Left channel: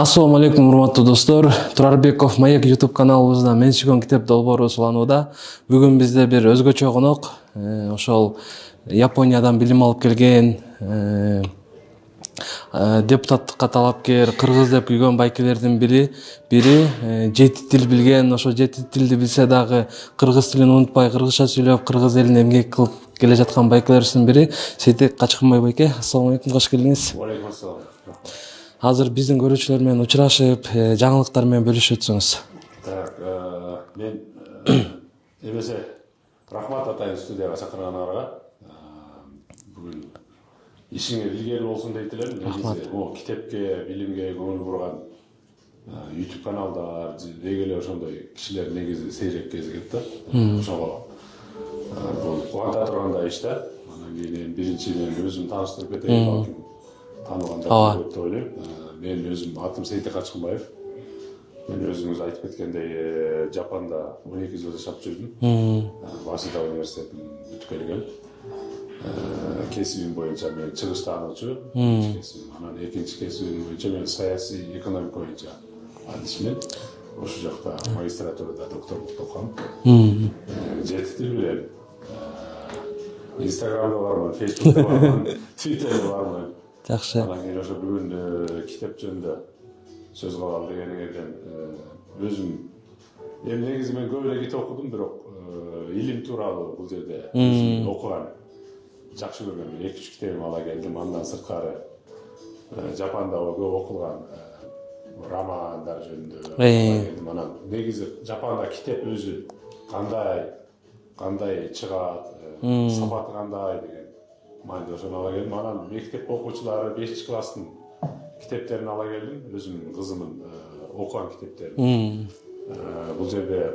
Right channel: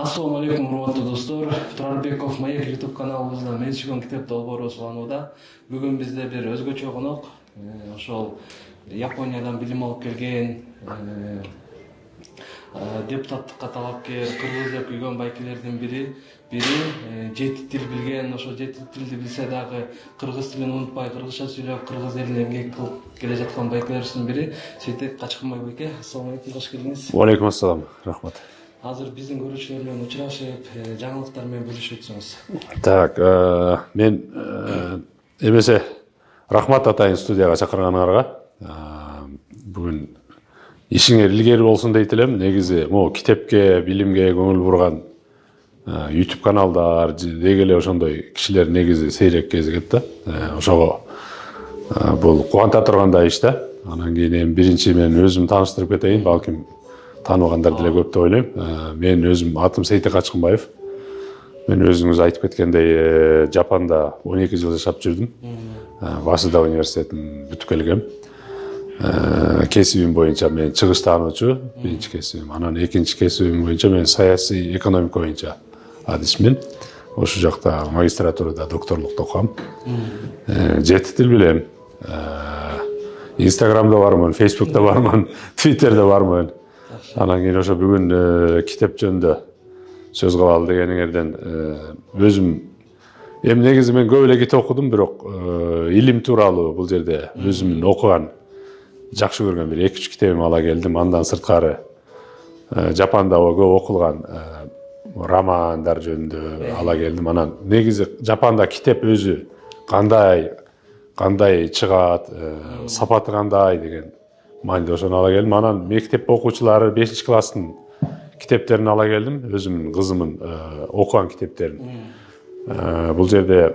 Ассаламу алейкум, урматтуу достор. Турарбеков Маек YouTube каналыбызда мен сүйгөн китеп долбоору уланууда. Бүгүн бизде бир өзгөчө конок. Ошол Япониядан билим алып келген депутаттыкка талапкер, кыргыз деп күйгөн байкелердин бири жети тил билген. Ошо жети тилди билсе дагы кыргыз тилин унутпай, кыргызча сүйлөп, кыргыз элине эмгек кылып келе жаткан байкелердин бири Сейтек Качкынбай байке. Ассаламу алейкум, кош келдиңиз. Алейкум ассалам, рахмат. Азыр биздин көрүүчүлөр менен учурашып, жаңылыктар менен бөлүшүп өтсөңүз. Так, мен эмесе рахмат атайын студияга чакырганыңарга. Бүгүн ишиңер илгери болсун дейт элем. Негизи могу китепке, билимге көңүл бурган YouTube каналдар деги эле ошондой кишилер негизи сейрек кезигет да. Ошого бул кубанта тургандай иш да. Анан кийин биринчи мен өзүм тааныштырып кетейин, балким танымагандар деле көп деп ойлойм. Мен өзүм атым Сейтек Качкынбаев. Мен өзүңүз айтып кеткендей Жапанда 12 жыл жашап жүрдүм. Васида университетин бүтүп келгем. Кесибим боюнча мен чыгыш таануучу, биринчи кесибим. Анан экинчи кесибим боюнча мен саясий экономика боюнча адисмин. Ошол жакта магистратурада докторлук окугам. Жети тил билем. Инстаграмда бармын, Фейсбукта бармын, Твиттерде бармын. Анан кийин ошо бүгүн китеп жөнүндө сөз кылалы дегениңерден өзүм негизи мен көп эле китеп окудум, бирок илим тууралуу бул жерде өзүмдүн окуган, жакшы көргөн бир 2-3 китебим ала келдим. Андан сырткары Жапанда көп окулган романдар жөнүндө ала келдим. Анан негизи Жапанда китеп өзү кандай чыгат, сапаты кандай деген мааниде ошону ала келдим. Анан мектеп окуучулары 5-класстын китептерин ала келдим, өзүмдүн кызымдын окуган китептерин. Бул жерде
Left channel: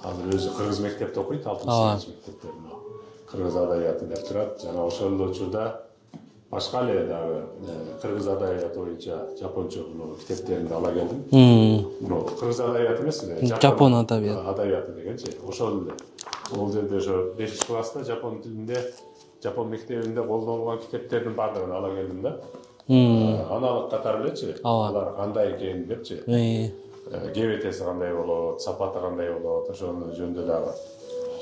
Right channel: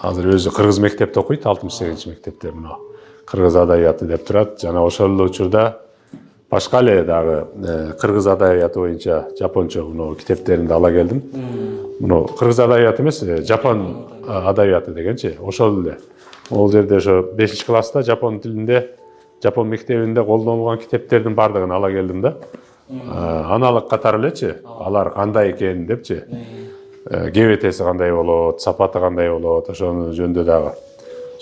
азыр өзү кыргыз мектепте окуйт, 6-8 мектепте мына кыргыз адабияты деп турат. Жана ошол эле учурда башка эле дагы кыргыз адабияты боюнча жапончо мына китептеринди ала келдим. Мына кыргыз адабияты эмес, жапон адабияты дегенчи, ошол эле. Ол жерде ошо 5-класста жапон тилинде, Жапон мектебинде колдонулган китептердин бардыгын ала келдим да. Аналык катары элечи, алар кандай экен депчи. ГВТси кандай болот, сапаты кандай болот, ошонун жөнүндө дагы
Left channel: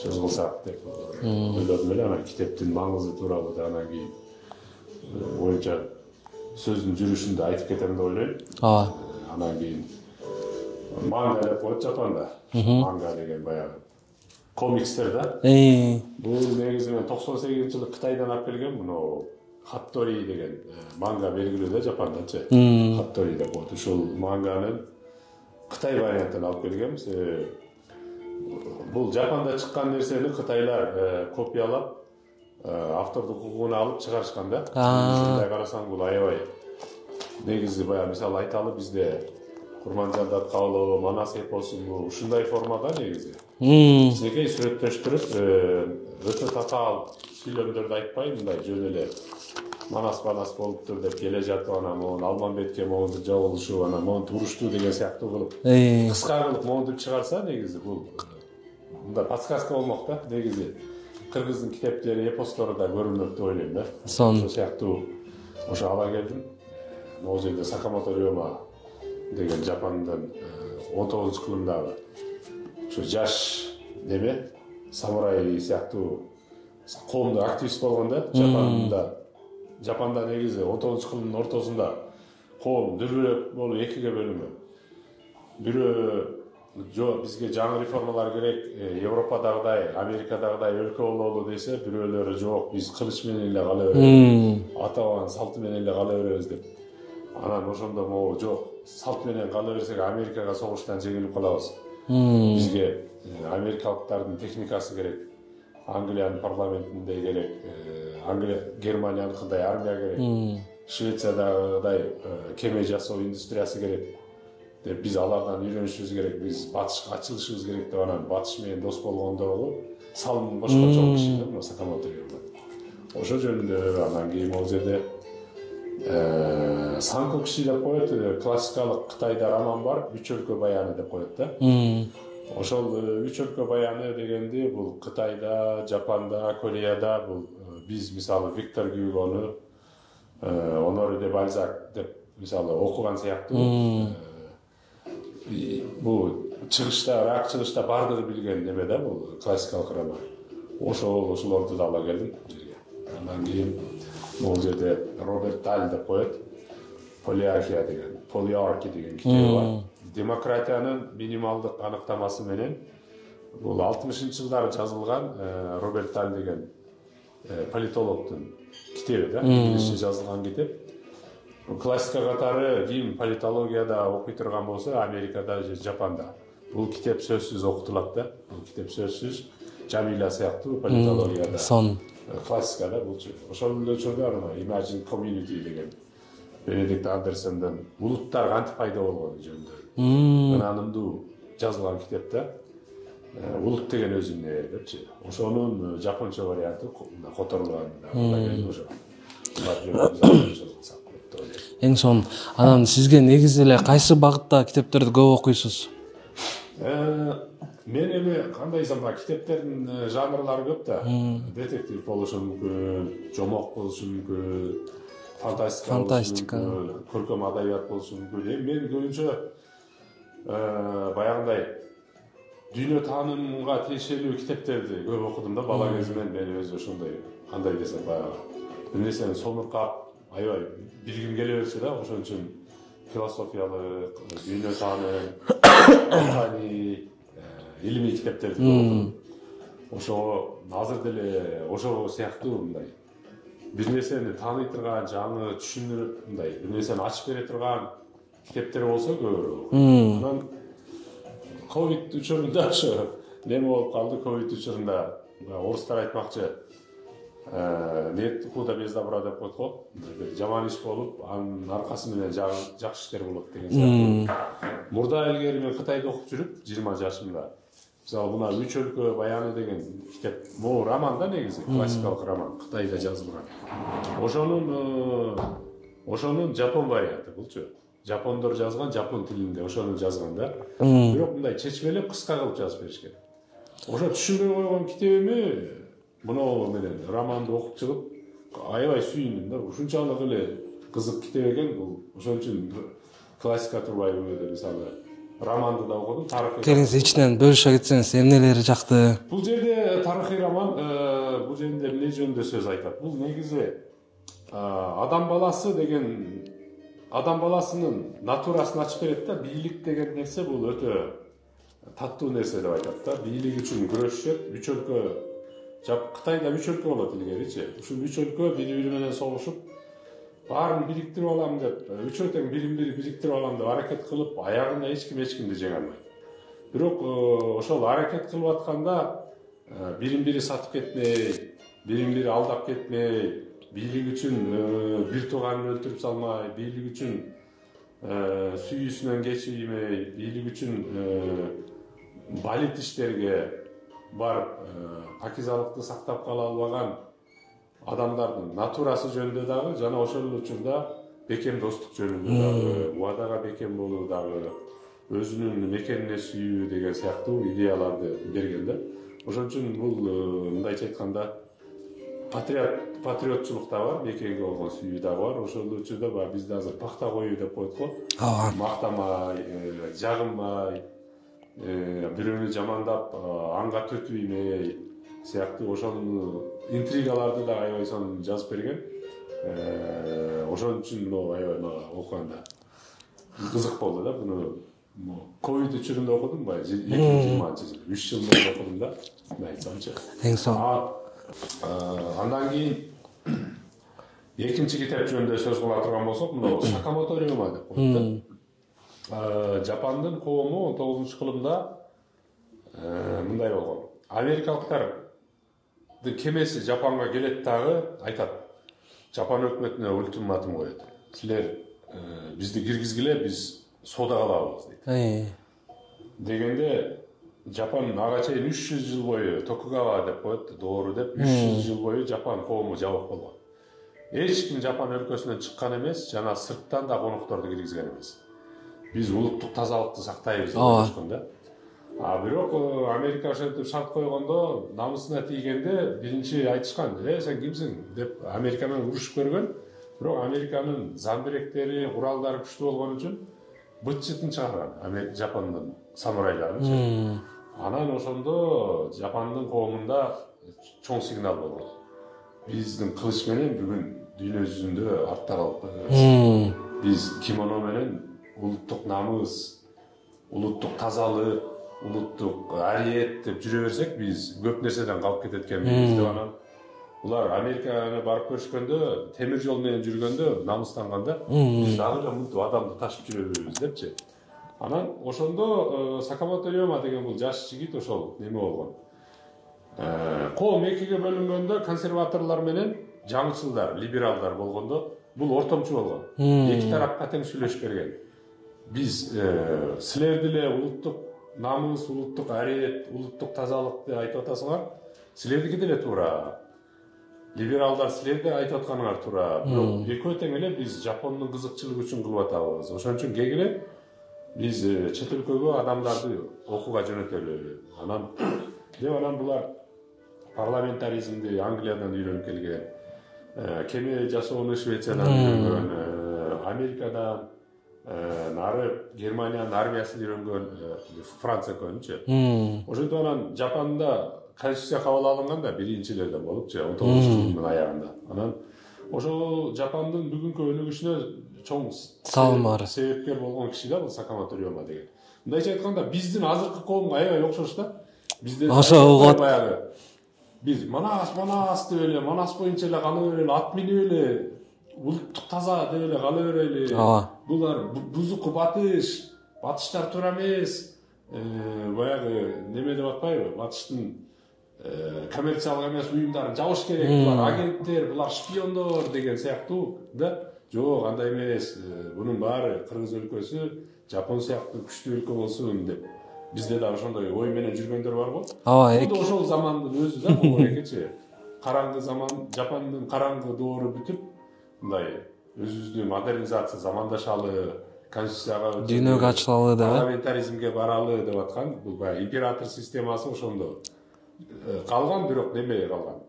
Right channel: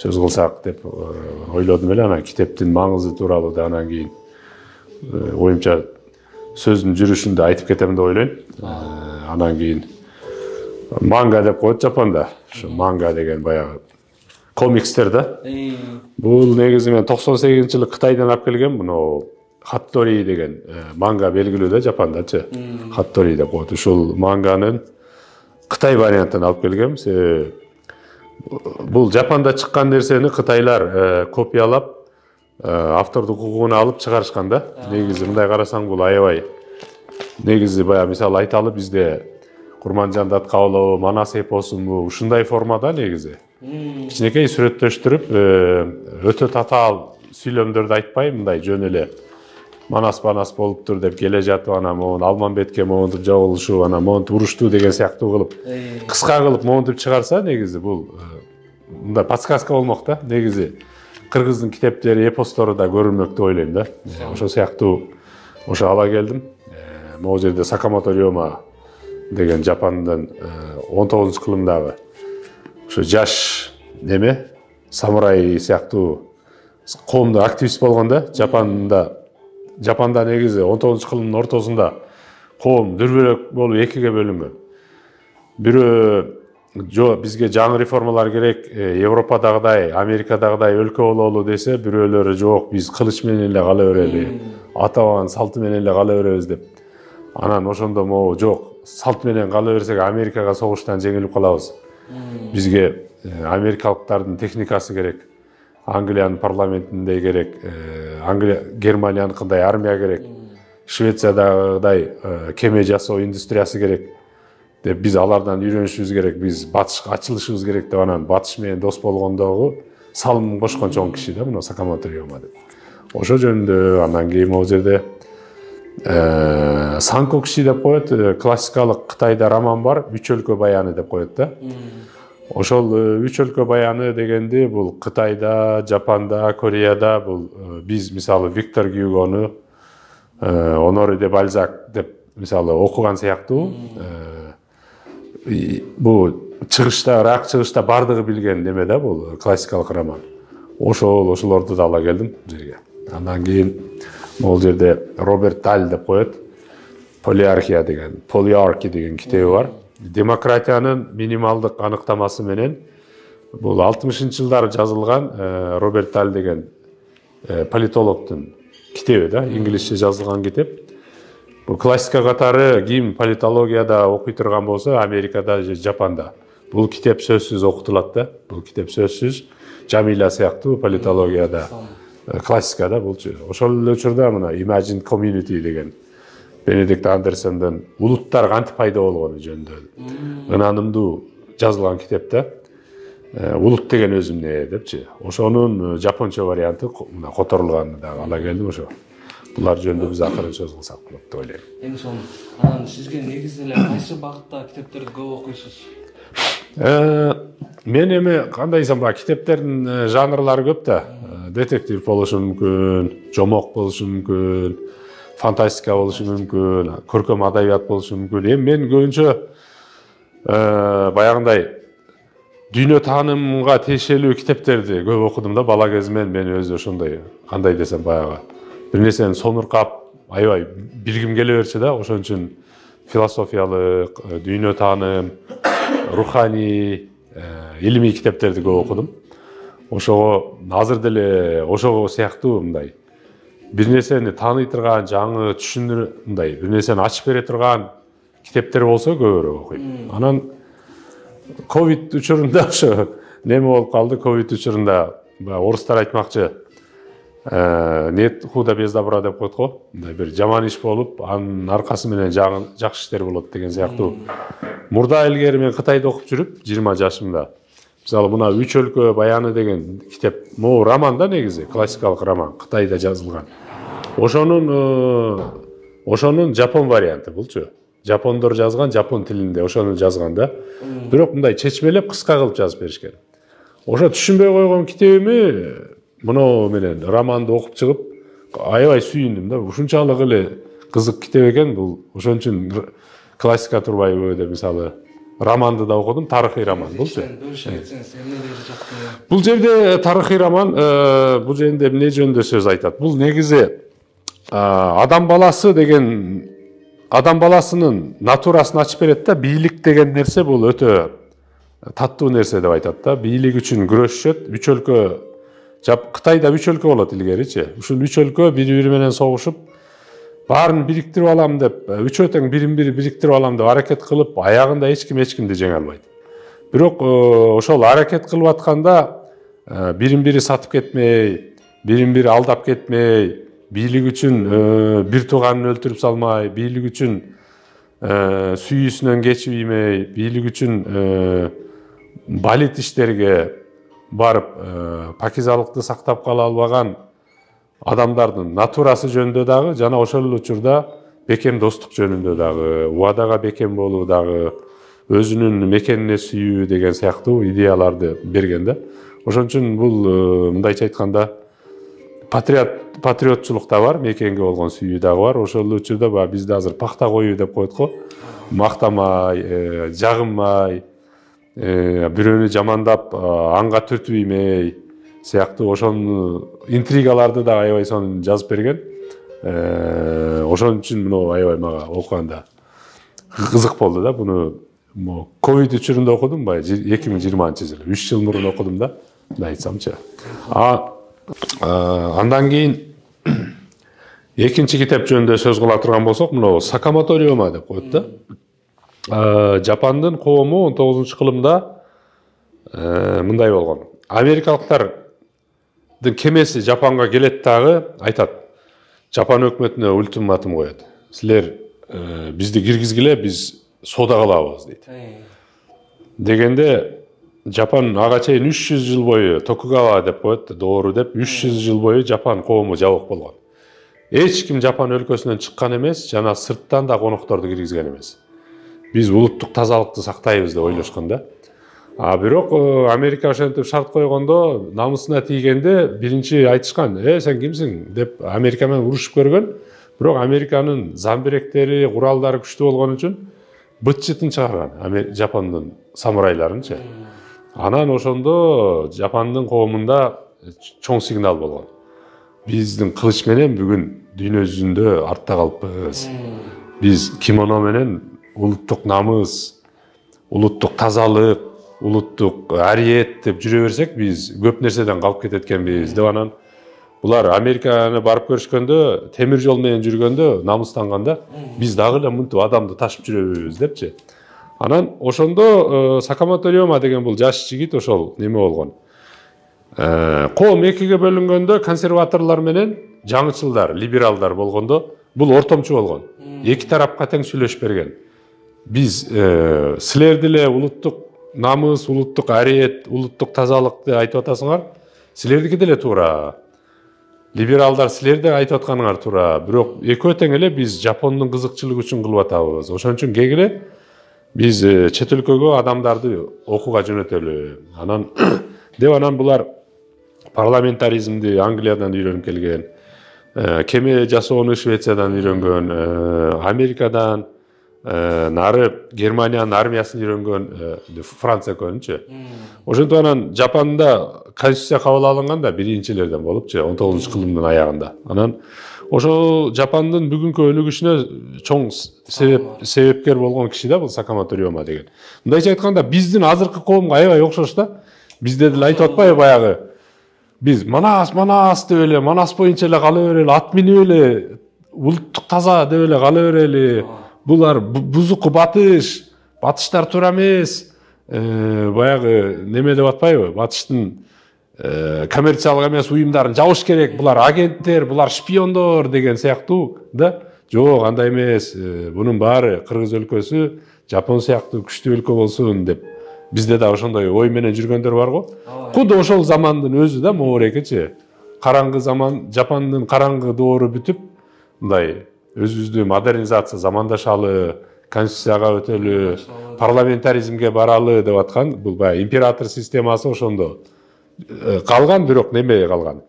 сөз кылсак деп ойлодум эле. Анан китептин маңызы тууралуу да анан кийин оюмча сөздүн жүрүшүндө айтып кетем деп ойлойм. Анан кийин манга деп коет Жапонда. Манга деген баягы комикстер да. Бул негизи мен 98-жылы Кытайдан алып келгем. Муну Хаттори деген манга белгилүү да Жапондачы. Хаттори деп коет. Ушул манганын Кытай вариантын алып келгем. Бул Жапонда чыккан нерсени кытайлар копиялап автордук укугун алып чыгарышкан да. Негизи мындай карасаң бул аябай негизи баягы мисалы айталы бизде Курманжанды Аткабылова, Манас эпосун ушундай формада негизи. Кичинекей сүрөттөштүрүп, өтө татаал сүйлөмдөрдү айтпай, мындай жөн эле Манас болуптур деп келе жатып, анан могу Алмамбетке могунтуп жабылышуу, анан могунтуп уруштуу деген сыяктуу кылып, кыска кылып могунтуп чыгарса, негизи бул мындай подсказка болмок да. Негизи кыргыздын китептери, эпостору да көрүнмөк деп ойлойм да. Ошол сыяктуу ошо ала келдим. Могу жерде Сакамото Рёма деген Жапондун 19-кылымдагы ошо жаш неме самурай сыяктуу коомдо активист болгон да. Жапонда негизи 19-кылымдын ортосунда коом дүрбөлөк болуп экиге бөлүнгөн. Бирөө бизге жаңы реформалар керек, Европадагыдай, Америкадагыдай өлкө бололу десе, бирөөлөрү жок, биз кылыч менен эле кала берели, ата бабанын салты менен эле кала беребиз деп. Анан ошондо могу жок, салт менен кала берсек Америкага согуштан жеңилип калабыз. Бизге америкалыктардын техникасы керек, Англиянын парламентиндей керек, Германияныкындай армия керек, Швециядагыдай кеме жасоо индустриясы керек деп биз алардан үйрөнүшүбүз керек, биз батышка ачылышыбыз керек деп анан батыш менен дос болгондогу салым кошкон чоң киши да мына Сакамото Рёма деп. Ошо жөнүндө анан кийин могу жерде Санко киши деп коет, классикалык Кытайда роман бар, Үч өлкө баяны деп коет да. Ошол Үч өлкө баяны дегенди бул Кытайда, Жапонда, Кореяда бул биз мисалы Виктор Гюгону, Оноре де Бальзак деп мисалы окуган сыяктуу бул чыгышта рак чыгышта бардыгы билген неме да бул классикалык роман. Ошолорду да ала келдим бул жерге. Андан кийин могул жерде Роберт Даль деп коет. Полиархия деген китеби бар. Демократиянын минималдык аныктамасы менен бул 60-жылдары жазылган Роберт Даль деген политологдун китеби да, инглизче жазылган китеп. Бул классика катары ким политологияда окуй турган болсо, Америкада же Жапанда бул китеп сөзсүз окутулат да. Бул китеп сөзсүз Жамиля сыяктуу политологияда классикада болчу. Ошол эле учурда мына Imagine Community деген Бенедикт Андерсондун улуттар кантип пайда болгону жөнүндө ынанымдуу жазылган китеп да. Улут деген өзү эмне депчи. Ошонун жапонча варианты мына которулганын дагы ала келдим ошо. Булар жөнүндө биз акырын сөз кылсак болот деп ойлойм. Эң сонун. Анан сизге негизи эле кайсы багытта китептерди көп окуйсуз? Мен эми кандай десем, китептердин жанрлары көп да. Детектив болушу мүмкүн, жомок болушу мүмкүн, фантастика болушу мүмкүн, көркөм адабият болушу мүмкүн. Эми мен көбүнчө баягындай дүйнө таанымга тиешелүү китептерди көп окудум да. Бала кезимден мен өзү ошондой, кандай десем, баягы бир нерсени сонуркап, аябай билгим келе берчү да. Ошон үчүн философиялык, дүйнө тааным, руханий, илимий китептерди көп окудум. Ошого азыр деле ошого сыяктуу мындай бир нерсени тааный турган, жаңы түшүнүр, мындай бир нерсени ачып бере турган китептер болсо көбүрөөк окуйм. Анан ковид учурунда ошо неме болуп калды. Ковид учурунда орустар айтмакчы, нет худа без добра деп коет го. Мындай бир жаман иш болуп, анын аркасы менен жакшы иштер болот деген сыяктуу. Мурда илгери мен Кытайда окуп жүрүп, 20 жашымда. Мисалы мына Үч өлкө баяны деген китеп, могу роман да негизи, классикалык роман, Кытайда жазылган. Ошонун жапон варианты булчу. Жапондор жазган, жапон тилинде ошону жазган да. Бирок мындай чечмелеп, кыска кылып жазып беришкен. Ошо түшүнбөй койгон китебими муну менен романды окуп чыгып, аябай сүйүндүм да. Ушунчалык эле кызык китеп экен бул. Ошон үчүн классика турбайбы деп мисалы романды да окудум, тарыхый роман. Кеңиз ичинен бөлүшө кетсеңиз, эмнелери жакты? Бул жерде тарыхый роман, бул жерде эмне жөнүндө сөз айтат? Бул негизи адам баласы деген, адам баласынын натурасын ачып берет да. Бийлик деген нерсе бул өтө таттуу нерсе деп айтат да. Бийлик үчүн күрөшүшөт. Үч өлкө, Кытайда үч өлкө болот илгеричи. Ушул үч өлкө бири-бири менен согушуп, баарын бириктирип алам деп, үчөө тең бирин-бири бириктирип алам деп аракет кылып, аягында эч кимди жеңе албайт. Бирок ошол аракет кылып атканда бирин-бири сатып кетмей, бирин-бири алдап кетмей, бийлик үчүн бир тууганын өлтүрүп салмай, бийлик үчүн сүйүүсүнөн кечибеймей, бийлик үчүн балет иштерге барып пакизалыкты сактап кала албаган адамдардын натурасы жөнүндө дагы, жана ошол учурда бекем достук жөнүндө дагы, убадага бекем болуу дагы, өзүнүн мекенине сүйүү деген сыяктуу идеяларды берген да. Ошон үчүн бул мындайча айтканда патриотчулук да бар, мекенге болгон сүйүү дагы бар. Ошол учурда бизде азыр пахта коюу деп коет го. Мактамай, жагынмай, бирөөнү жамандап, анга түртүбөймей сыяктуу ошон интригаларды да аябай сонун жазып берген. Ошон үчүн муну аябай мага окуганда кызык болду да. Буну ковид учурунда окудум, 2020-жылы, 3 жыл мурун окудум да, айтсамчы. Андан кийин экинчи китеп жөнүндө сөз кыла турган болсок, муну Сакамото Рёма деп коет да. Жапандын коому 19-кылымда мындай болгон. Америкалыктардын кемеси Жапанга келет дагы айтат. Жапан өкмөтүнө ультиматум коет. Силер бизди киргизгиле, биз соода кылабыз дейт. Дегенде Жапан ага чейин 300 жыл бою Токугава деп коет, доору деп 300 жыл бою Жапан коому жабык болгон. Эч ким Жапан өлкөсүнөн чыккан эмес, жана сырттан да конокторду киргизген эмес. Биз улуттук тазалыкты сактайбыз деп ойлошкон да. Бирок Америка ошентип шарт койгондо, намысына тийгенде биринчи айтышкан, сен кимсиң деп Америка менен урушуп көргөн. Бирок Американын замбиректери, куралдары күчтүү болгон үчүн быт-жытын чыгарган Жапондун самурайларынчы. Анан ошондо Жапондун коомунда чоң сигнал болгон. Биздин кылыч менен бүгүн дүйнө жүзүндө артта калппыз. Биз кимоно менен улуттук намыс, улуттук тазалык, улуттук ариет деп жүрө берсек, биз көп нерседен калып кетет экенбиз деп анан булар Американы барып көрүшкөндө, темир жол менен жүргөндө намыстанганда, биз дагы эле мынтип адамды ташып жүрөбүз депчи. Анан ошондо Сакамото Рёма деген бул жаш жигит ошол неме болгон. Коом экиге бөлүнгөндө консерваторлор менен жаңычылдар, либералдар болгондо бул ортомчу болгон. Эки тарапка тең сүйлөшүп берген. Биз силер деле улуттук намыс, улуттук ариет, улуттук тазалыкты айтып атасыңар, силердики деле туура. Либералдар силерде айтып атканыңар туура. Бирок экөө тең эле биз Жапондун кызыкчылыгы үчүн кылып атабыз. Ошон үчүн кегиле биз чет өлкөгө адамдарды окууга жөнөтөлү. Анан булар парламентаризмди Англиядан үйрөнүп келген, кеме жасоону Швециядан үйрөнгөн, Америкадан, нары Германиянын армиясын үйрөнгөн Франция көөнчү. Ошентип анан Жапонда конституция кабыл алынганда биринчилерден болупчу, 19-кылымдын аягында. Анан ошол Жапондун бүгүнкү өнүгүшүнө чоң себепкер болгон киши да бул Сакамото Рёма деген. Мындайча айтканда биздин азыркы коомго аябай окшош да. Бизде айтып атпайбы баягы биз манас деп эле, манас боюнча эле кала берели, ат минип эле, улуттук таза деп эле кала берели. Булар бузуку батыштар туура эмес. Баягы неме деп атпайбы? Батыштын коммерциялык эмес уюмдарын жабыш керек. Булар агенттер, булар шпиондор деген сыяктуу да. Жок, андай эмес. Бунун баары Кыргыз өлкөсү Жапон сыяктуу күчтүү өлкө болсун деп. Бизде да ошондой ой менен жүргөндөр бар го. Куду ошол замандын өзү да моорекечи. Караңгы заман, Жапондун караңгы доору бүтүп, мындай өзүбүздү модернизация замандашалы, конституцияга өтөлү, парламентаризмге баралы деп аткан бул баягы император системасы ошондо калган, бирок неме калган.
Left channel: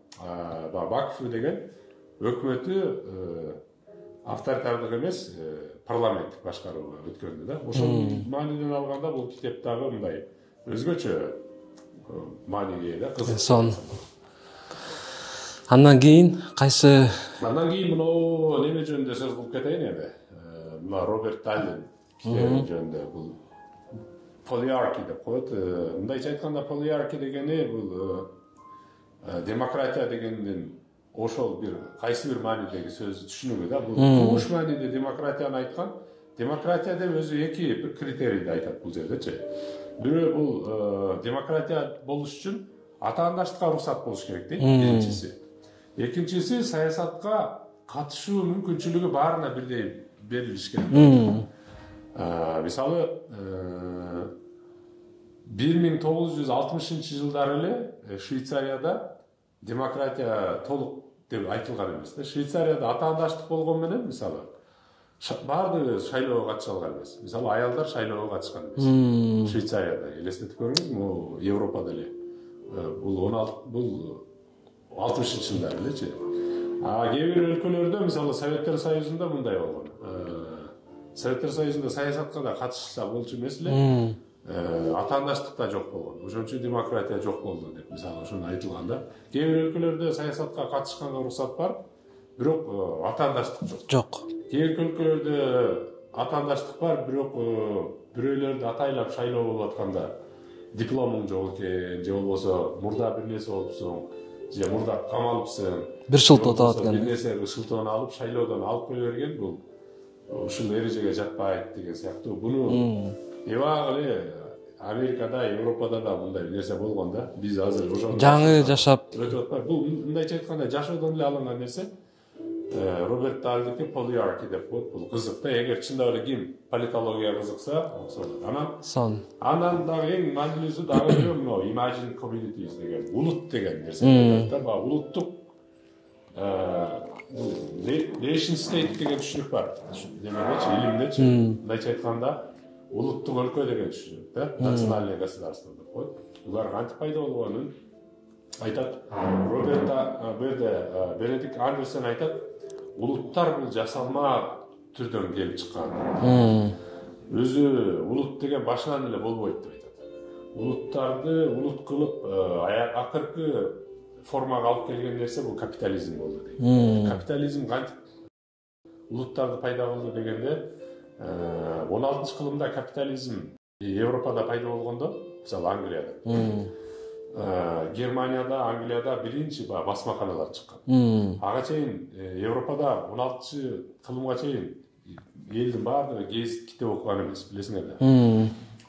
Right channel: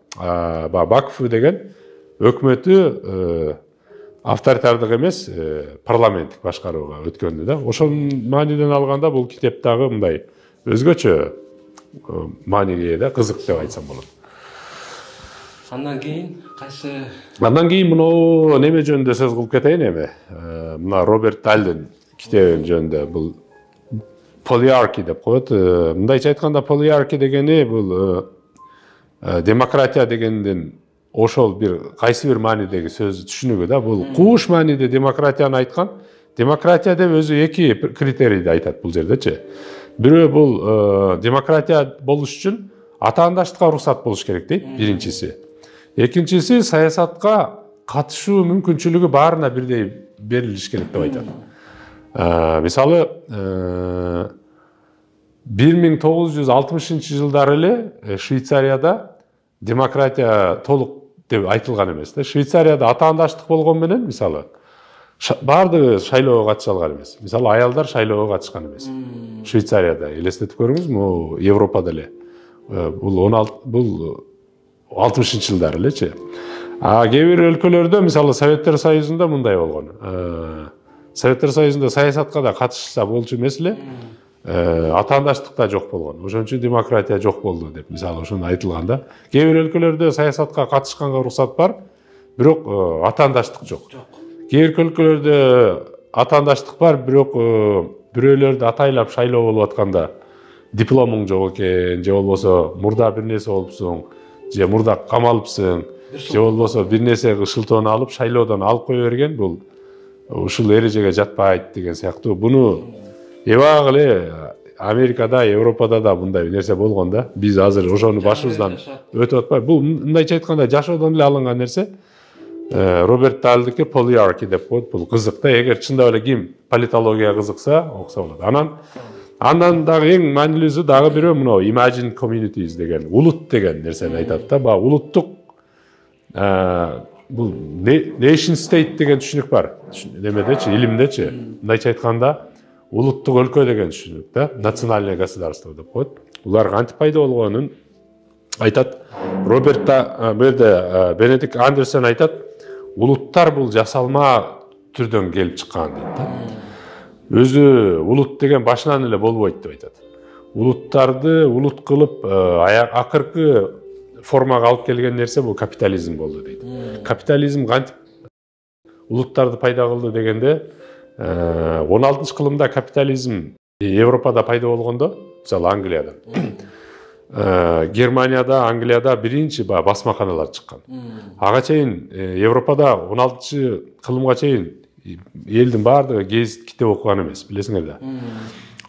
Баков деген өкмөтү авторитардык эмес, парламенттик башкарууга өткөндү да. Ошол мааниден алганда бул китеп дагы мындай өзгөчө мааниге да кызык деп айтсам болот. Андан кийин кайсы? Андан кийин мына неме жөнүндө сөз кылып кетейин эми. Мына Роберт Дальден китеби жөнүндө бул Polyarchy деп коет. Мындайча айтканда Polyarchy дегени бул демократия дегендин ошол бир кайсы бир маанидеги сөз түшүнүгү да. Бул кууш мааниде демократияны айткан. Демократия деп өзү эки критерийди айтат бул жердечи. Бирөө бул демократия болуш үчүн атаандаштыкка уруксат болуш керек дейт, биринчиси. Экинчиси саясатка катышуу мүмкүнчүлүгү баарына бирдей берилиш керек деп айтат. Мисалы 1960-жылдары эле Швейцарияда демократия толук деп айтылган эмес да. Швейцарияда атаандаштык болгон менен мисалы баардыгы шайлоого катыша алган эмес. Мисалы аялдар шайлоого катышкан эмес. Швейцарияда элестетип көрүңүз, могу Европада эле. Бул 60-жылдары элечи. Кээ бир өлкөлөрдө мисалы Советтер Союзунда мындай болгон. Советтер Союзунда саясатка да катышса болчу эмес эле. Атаандаштык да жок болгон. Ошон үчүн демократия жок болду деп мисалы ошону айтылган да. Кээ бир өлкөлөрдө саясатка катышканга уруксат бар, бирок атаандаштык жок. Кээ бир өлкөлөрдө атаандаштык бар, бирок бирөөлөрдү атайлап шайлоо болуп атканда дипломуң жок экен, же болбосо мурда бир нерсе болупсуң, же мурда камалыпсың, же болбосо бир нерсе шылтоону алып шайлоодон алып кое берген, бул ушул эрежеге жатпайт деген сыяктуу. Буну эбак эле Америкада, Европада да мындай нерсе болгон да. Биз азыр ошону башыбыздан өтүп атпайбы. Бул мындайча айтканда жашоодон эле алынган нерсе. Роберт Дальдики Polyarchy деп коет. Бул кызык да. Эгер чындап эле ким политологияга кызыкса, окуса болот. Андан дагы эң маанилүүсү дагы бирөө мына Imagine Communities деген, улут деген нерсени айтат да. Баа улуттук бул nation state деген түшүнүк бар. Немедечи, илимдечи. Мындайча айтканда улуттук өлкө деген түшүнүк да. Национальное государство деп коет. Булар кантип пайда болгонун айтат. Роберт Бенедикт Андерсон айтат. улуттар бул жасалма түрдөн келип чыккан дейт. Өзү улут деген башынан эле болбойт деп айтат. Улуттарды улут кылып акыркы формага алып келген нерсе бул капитализм болду дейт. Капитализм кантип улуттарды пайда кылды дегенде 16-кылымда капитализм Европада пайда болгондо, мисалы Англияда, Германияда, Англияда биринчи басмаканалар чыккан. Ага чейин Европада 16-кылымга чейин элдин баардыгы гезит китеп окуган эмес, билесиңер да.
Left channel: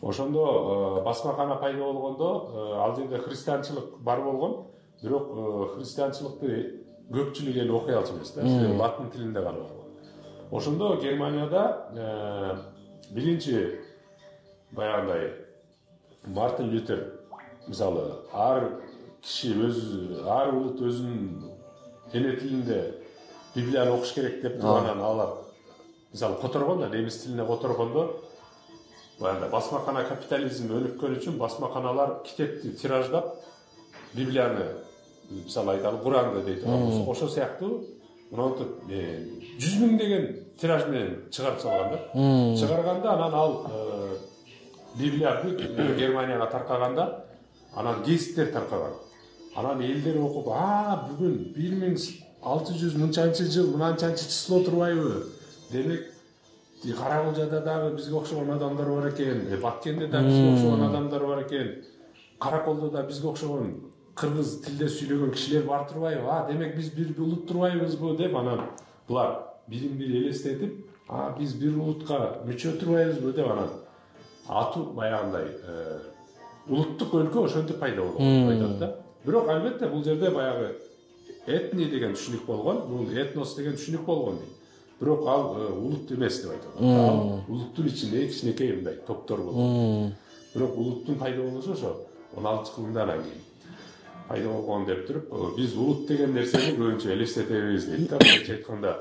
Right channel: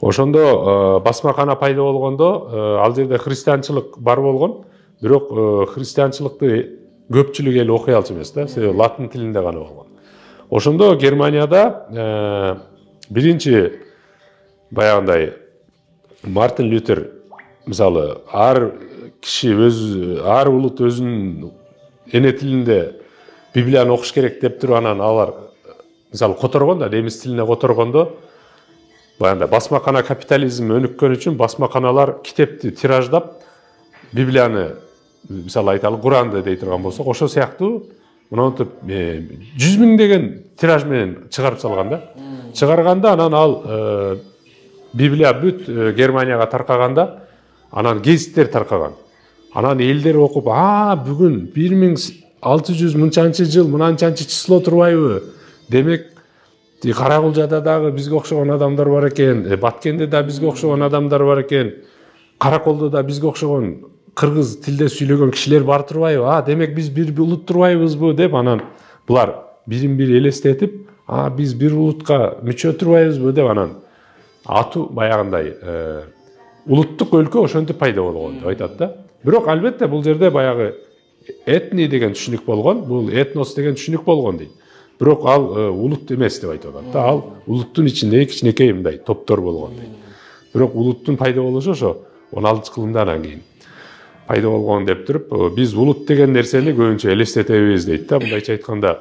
Ошондо басмакана пайда болгондо ал жерде христианчылык бар болгон, бирок христианчылыкты көпчүлүк эл окуй алчу эмес да, латын тилинде гана болгон. Ошондо Германияда биринчи баягындай Мартин Лютер мисалы ар улут өзүнүн эне тилинде Библияны окуш керек деп туруп анан алар мисалы которгон да, немис тилине которгондо баягындай басмакана капитализм өнүккөн үчүн басмаканалар китепти тираждап Библияны мисалы айталы Куранды дей турган болсок, ошол сыяктуу мынтип 100 000 деген тираж менен чыгарып салган да. Чыгарганда анан ал Библия бүт Германияга таркаганда анан гезиттер таркаган. Анан элдер окуп, бүгүн 1600 мынчанчы жыл мынанчанчы число турбайбы? Демек Каракулжада дагы бизге окшогон адамдар бар экен, Баткенде да бизге окшогон адамдар бар экен, Караколдо да бизге окшогон кыргыз тилде сүйлөгөн кишилер бар турбайбы? Демек биз бир улут турбайбызбы деп анан булар бирин бири элестетип, биз бир улутка мүчө турбайбызбы деп анан ату баягындай улуттук өлкө ошентип пайда болгон деп айтат да. Бирок албетте бул жерде баягы этни деген түшүнүк болгон, бул этнос деген түшүнүк болгон дейт. Бирок ал улут эмес деп айтып атат. Ал улуттун ичинде кичинекей мындай топтор болгон. Бирок улуттун пайда болушу ошо 16-кылымда анан кийин пайда болгон деп туруп, биз улут деген нерсени көбүнчө элестетебиз дейт да. Мындайча айтканда,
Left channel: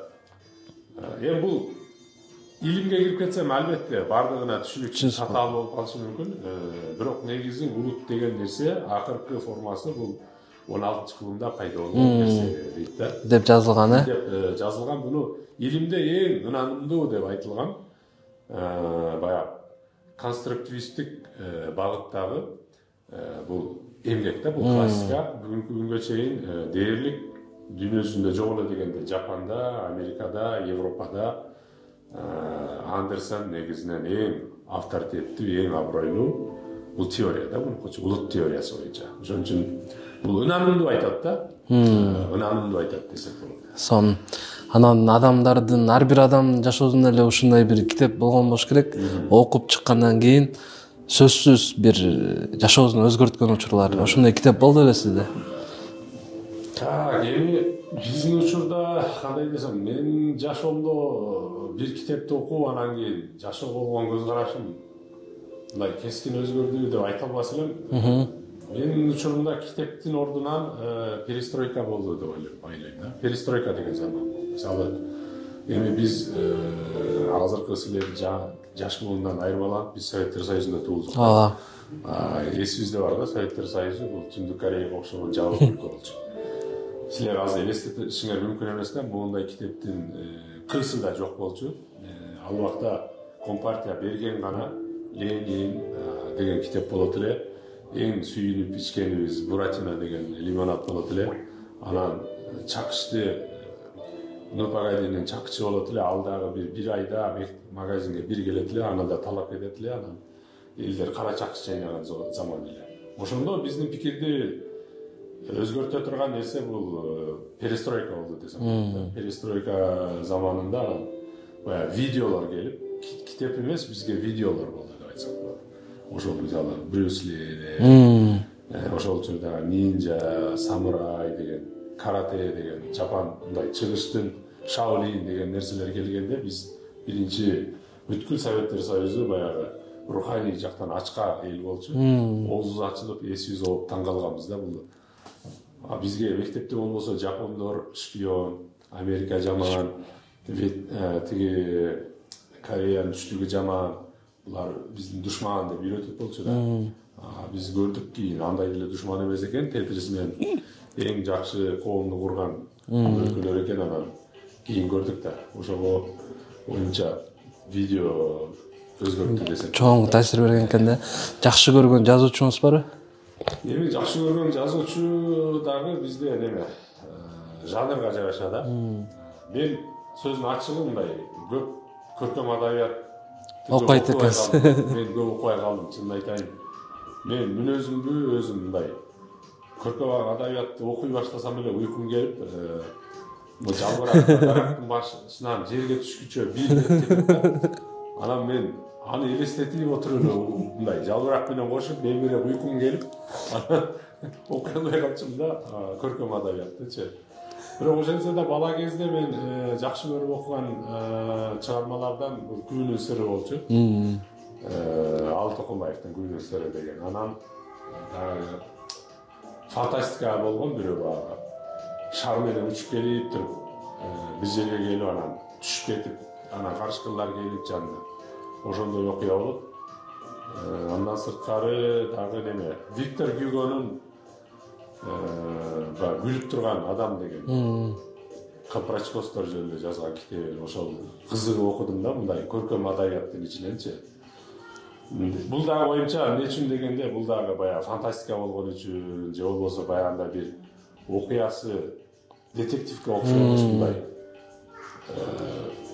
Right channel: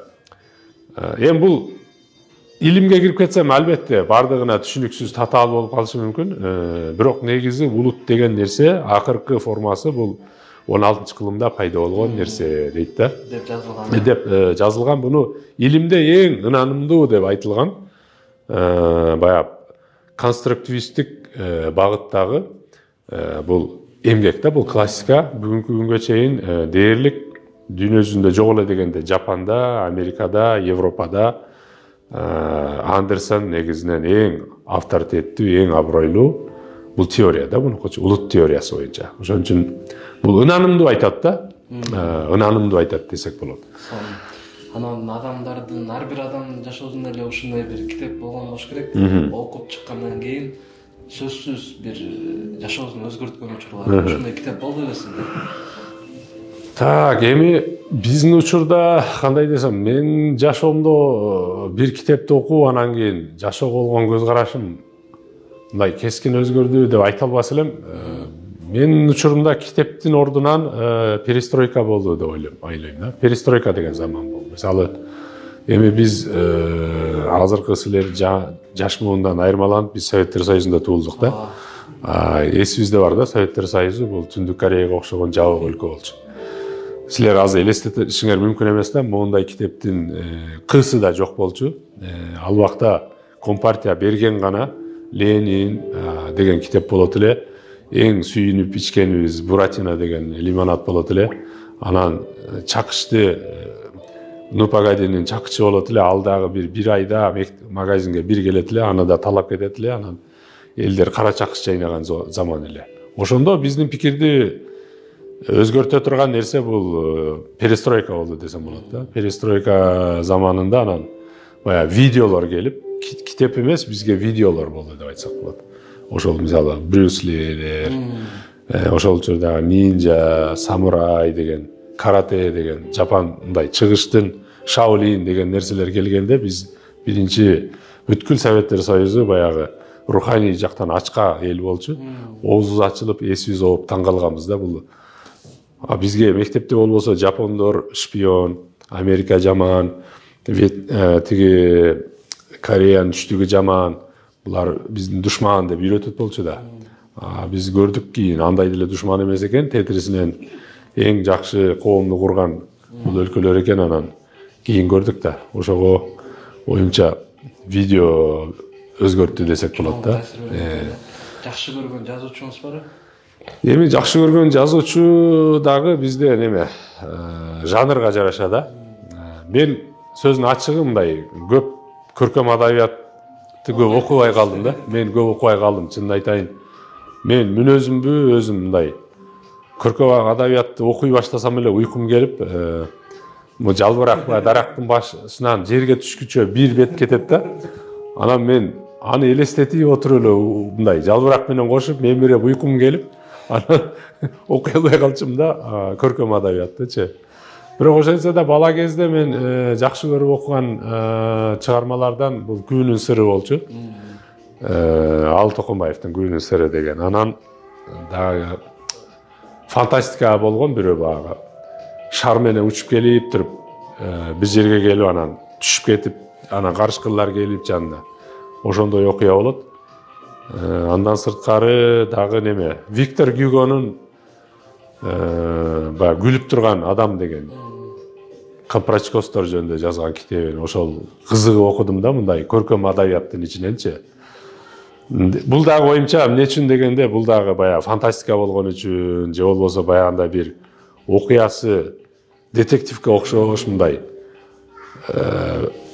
эми бул илимге кирип кетсем, албетте бардыгына түшүнүксүз татаал болуп калышы мүмкүн. Бирок негизи улут деген нерсе акыркы формасы бул 16-кылымда пайда болгон нерсе дейт да. Деп жазылган, деп жазылган. Буну илимде эң ынанымдуу деп айтылган баягы конструктивисттик багыттагы бул эмгек да, бул классика. Бүгүнкү күнгө чейин дээрлик дүйнө жүзүндө жок эле дегенде Жапанда, Америкада, Европада Андерсон негизинен эң авторитеттүү, эң абройлуу бул теория да, бунукучу улут теориясы боюнча. Ошон үчүн бул ынанымдуу айтат да, ынанымдуу айтат десек болот. Сон анан адамдардын ар бир адам жашоосунда эле ушундай бир китеп болгон болуш керек. Окуп чыккандан кийин сөзсүз бир жашоосун өзгөрткөн учурлар. Ушундай китеп болду эле сизде? Эми биздин учурда кандай десем, мен жашоомдо бир китепти окуп анан кийин жашоого болгон көз карашым мындай кескин өзгөрдү деп айта албас элем. Менин учурумда китептин ордунан перестройка болду деп ойлойм да. Перестройка деген заман болду. Мисалы, эми биз азыркы силер жаш муундан айырмаланып биз Советтер Союзунда туулдук да. Эсибизде бар да, Советтер Союзу бул Түндүк Кореяга окшогон жабык өлкө болчу. Силер азыр элестетишиңер мүмкүн эмес да, моундай китептин кысы да жок болчу. Ал убакта Компартия берген гана Ленин деген китеп болот эле. Эң сүйүнүп ичкенибиз Буратино деген лимонад болот эле. Анан чакычты Нупагадинин чакычы болот эле. Ал дагы бир айда магазинге бир келет эле, аны да талап кетет эле. Анан элдер кара чакыч чайнаган заман эле. Ошондо биздин пикирди өзгөртө турган нерсе бул перестройка болду десем болот да. Перестройка заманында анан баягы видеолор келип, китеп эмес, бизге видеолор болду деп айтсак болот. Ошол мисалы Брюс Ли, ошол учурдагы нинджа, самурай деген, карате деген, Жапандай чыгыштын Шаолин деген нерселер келгенде биз биринчи бүткүл Советтер Союзу баягы руханий жактан ачка эл болчу. Оозубуз ачылып, эсибиз ооп таң калганбыз да. Бул бизге мектепте болбосо Жапондор шпион, Америка жаман, тиги Кореянын түштүгү жаман, булар биздин душман деп үйрөтөт болчу да. Биз көрдүк кийин андай деле душман эмес экен, тетрисинен эң жакшы коомду курган бул өлкөлөр экен. Анан кийин көрдүк да. Ошого оюмча видео өзгөрттү десек чоң таасир берген экен да. Жакшы көргөн жазуучуңуз барбы? Эми жакшы көргөн жазуучу дагы бизде неме жанрга жараша да. Мен сөздүн ачыгы мындай көп көркөм адабиятты көп окубай калдым да. Мен көп окубай калдым, чынын айтайын. Мен мүнөзүмбү өзүм мындай көркөм адабиятты окуй баштасам эле уйкум келип, бул жалбырак дарактын башынан жерге түшкүчө бир бет кетет да. Анан мен аны элестетип отуруп эле мындай жалбырак менен кошуп, мен берип уйкум келип, анан окуй албай калчумун да, көркөм адабияттычы. Бирок ошентсе да бала кезде мен жакшы көрүп окуган чыгармалардан бул Күбүнүн сыры болчу. Ал Токонбаевдин Күбүнүн сыры деген. Анан дагы фантастика болгон бирөө багы. Шар менен учуп келип туруп, бир жерге келип анан түшүп кетип, анан карышкырлар келип жанына. Ошондой окуя болот. Андан сырткары дагы неме? Виктор Гюгонун күлүп турган адам деген. Капрачкостор жөнүндө жазган китебин ошол кызыгып окудум да, мындай көркөм адабияттын ичиненчи. Бул дагы оюмча эмне үчүн дегенде, бул дагы баягы фантастика болгон үчүн, же болбосо баягында бир окуясы детективке окшош мындай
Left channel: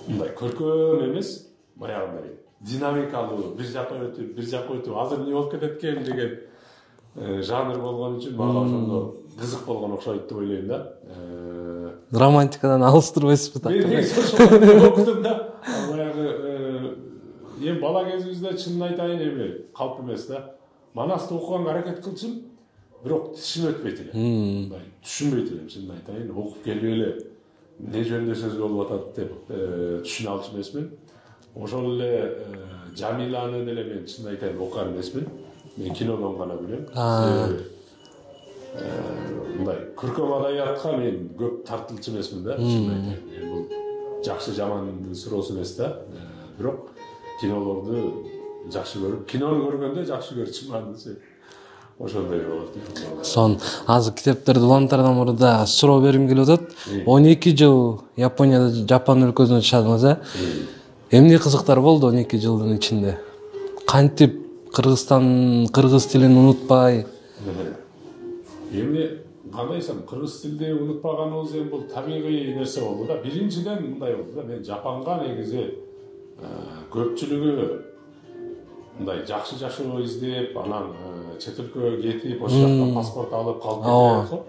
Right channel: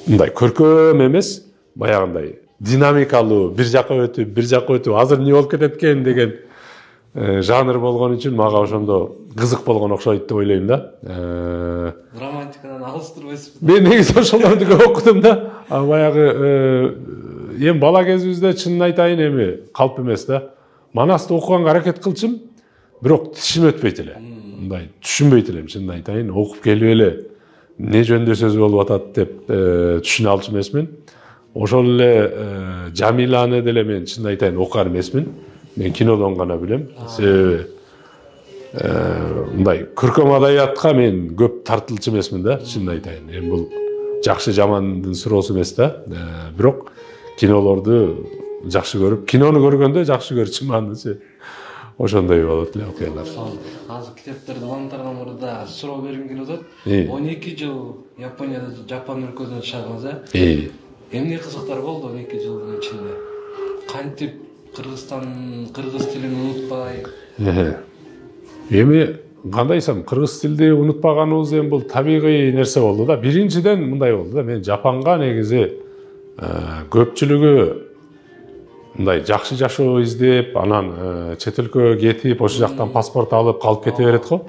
көркөм эмес, баягындай динамикалуу, бир жака өтүп, азыр эмне болуп кетет экен деген жанр болгон үчүн мага ошондо кызык болгон окшойт деп ойлойм да. Романтикадан алыс турбайсызбы? Мен негизи ошолорду окудум да. Баягы эми бала кезибизде чынын айтайын эми калп эмес да. Манасты окуганга аракет кылчым, бирок тишим өтпөйт эле. Мындай түшүнбөйт элем, чынын айтайын. Окуп келип эле эмне жөнүндө сөз болуп атат деп түшүнө алчу эмесмин. Ошол эле Жамиланы деле мен чынын айтайын окуган эмесмин. Мен кинодон гана билем. Себеби мындай көркөм адабиятка мен көп тартылчу эмесмин да, чынын айтайын. Эми бул жакшы жамандын суроосу эмес да. Бирок кинолорду жакшы көрүп, кинону көргөндө жакшы көрчүмүн анычы. Ошондой болот эле окуялар. Сон азыр китептерди улантардан мурда суроо бергим келип атат. 12 жыл Японияда, Жапон өлкөсүндө жашадыңыз, эмне кызыктар болду 12 жылдын ичинде? Кантип кыргыз тилин унутпай? Эми кандайсам кыргыз тилди унутпаганыбыз эми бул табигый нерсе болду да. Биринчиден мындай болду да, мен Жапонго негизи көпчүлүгү мындай жакшы жашоо издеп, анан чет өлкөгө кетип, ошол жактан паспорт алып калып кете берет го.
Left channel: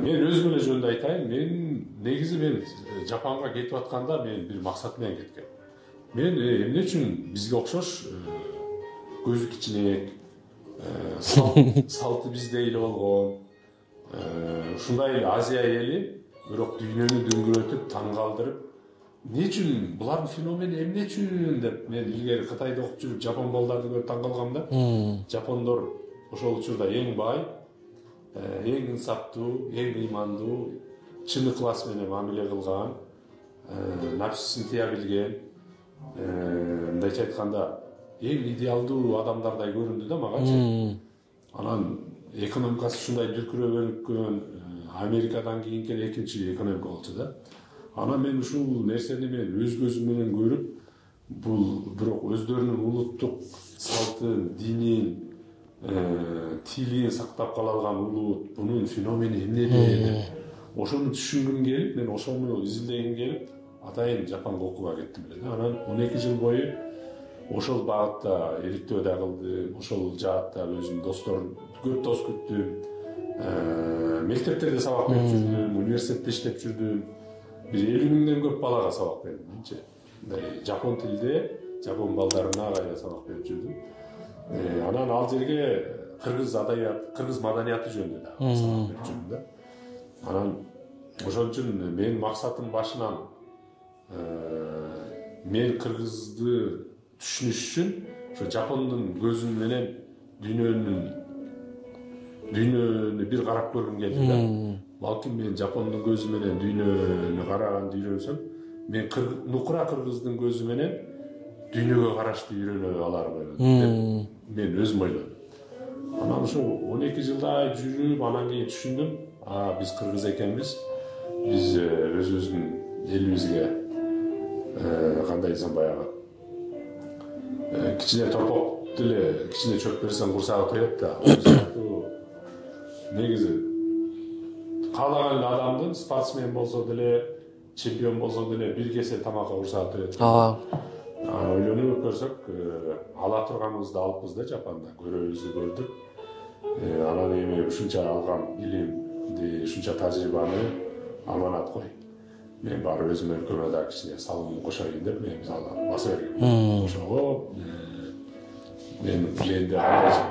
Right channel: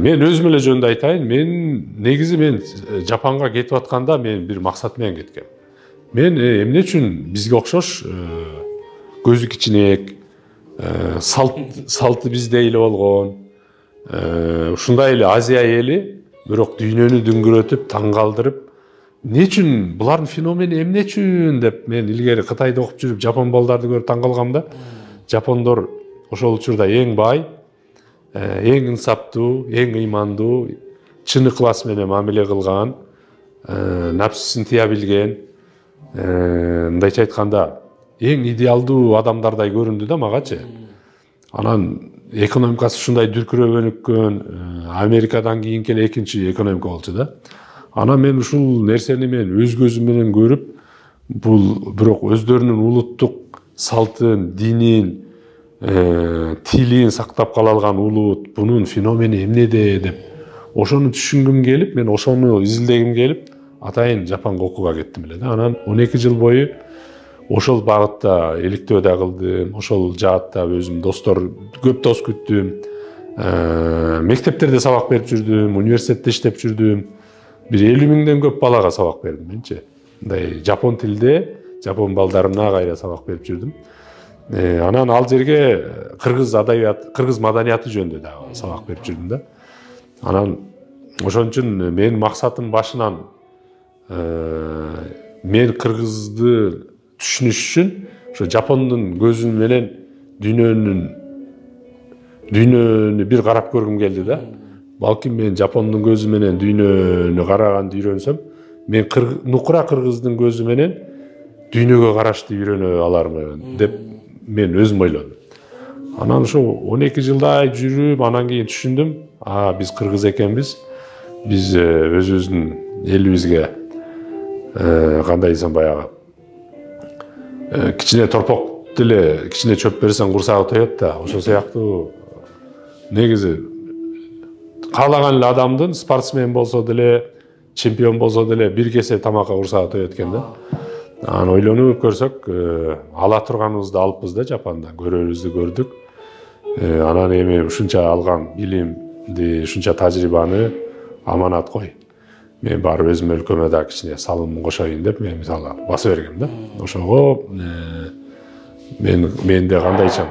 Мен өзүм эле жөнүндө айтайын, мен Жапонго кетип атканда мен бир максат менен кеткем. Мен эмне үчүн бизге окшош көзү кичинек, салты биздей эле болгон, ушундай эле Азия эли, бирок дүйнөнү дүңгүрөтүп, таң калтырып, эмне үчүн булардын феномени эмне үчүн деп мен илгери Кытайда окуп жүрүп жапон балдарды көрүп таң калгам да. Жапондор ошол учурда эң бай, эң инсаптуу, эң ыймандуу, чын ыклас менен мамиле кылган, напсысын тыя билген, мындайча айтканда эң идеалдуу адамдардай көрүндү да магачы. Анан экономикасы ушундай дүркүрөгөнүккөн, Америкадан кийинки эле экинчи экономика болчу да. Анан мен ушул нерсени мен өз көзүм менен көрүп, бул бирок өздөрүнүн улуттук салтын, динин, тилин сактап кала алган улут, бунун феномени эмнеде деп ошону түшүнгүм келип, мен ошону изилдегим келип, атайын Жапонго окууга кеттим эле да. Анан 12 жыл бою ошол багытта иликтөө да кылдым, ошол жаатта өзүм көп дос күттүм. Мектептерде сабак берип жүрдүм, университетте иштеп жүрдүм. Бир 50 миңден көп балага сабак бердим менчи. Мындай жапон тилде, жапон балдарына кайра сабак берип жүрдүм. Анан ал жерге кыргыз маданияты жөнүндө да сабак берип жүрдүм да. Анан ошон үчүн менин максатым башынан мен кыргызды түшүнүш үчүн ошо жапондун көзү менен дүйнөнү бир карап көргүм келди да. Балким мен жапондун көзү менен дүйнөнү караганды үйрөнсөм, мен нукура кыргыздын көзү менен дүйнөгө карашты үйрөнө алармын деп мен өзүм ойлодум. Анан ошо 12 жылдай жүрүп, анан кийин түшүндүм, биз кыргыз экенбиз. биз өзүбүздүн элибизге кандай десем баягы кичине торпок деле кичине чөп берсең курсагы тоет да, ошол сыяктуу негизи каалаган эле адамдын спортсмен болсо деле, чемпион болсо деле бир кесе тамакка курсагы тоет экен да. Анан ойлонуп көрсөк, ала турганыбызды алыппыз да Жапанда, көрөрүбүздү көрдүк. Анан эми ушунча алган билимди, ушунча тажрыйбаны аманат кой. Мен барып өзүм өлкөмө да кичине салымын кошоюн деп мен мисалы баса бергем да. Ошого менде кандайчам.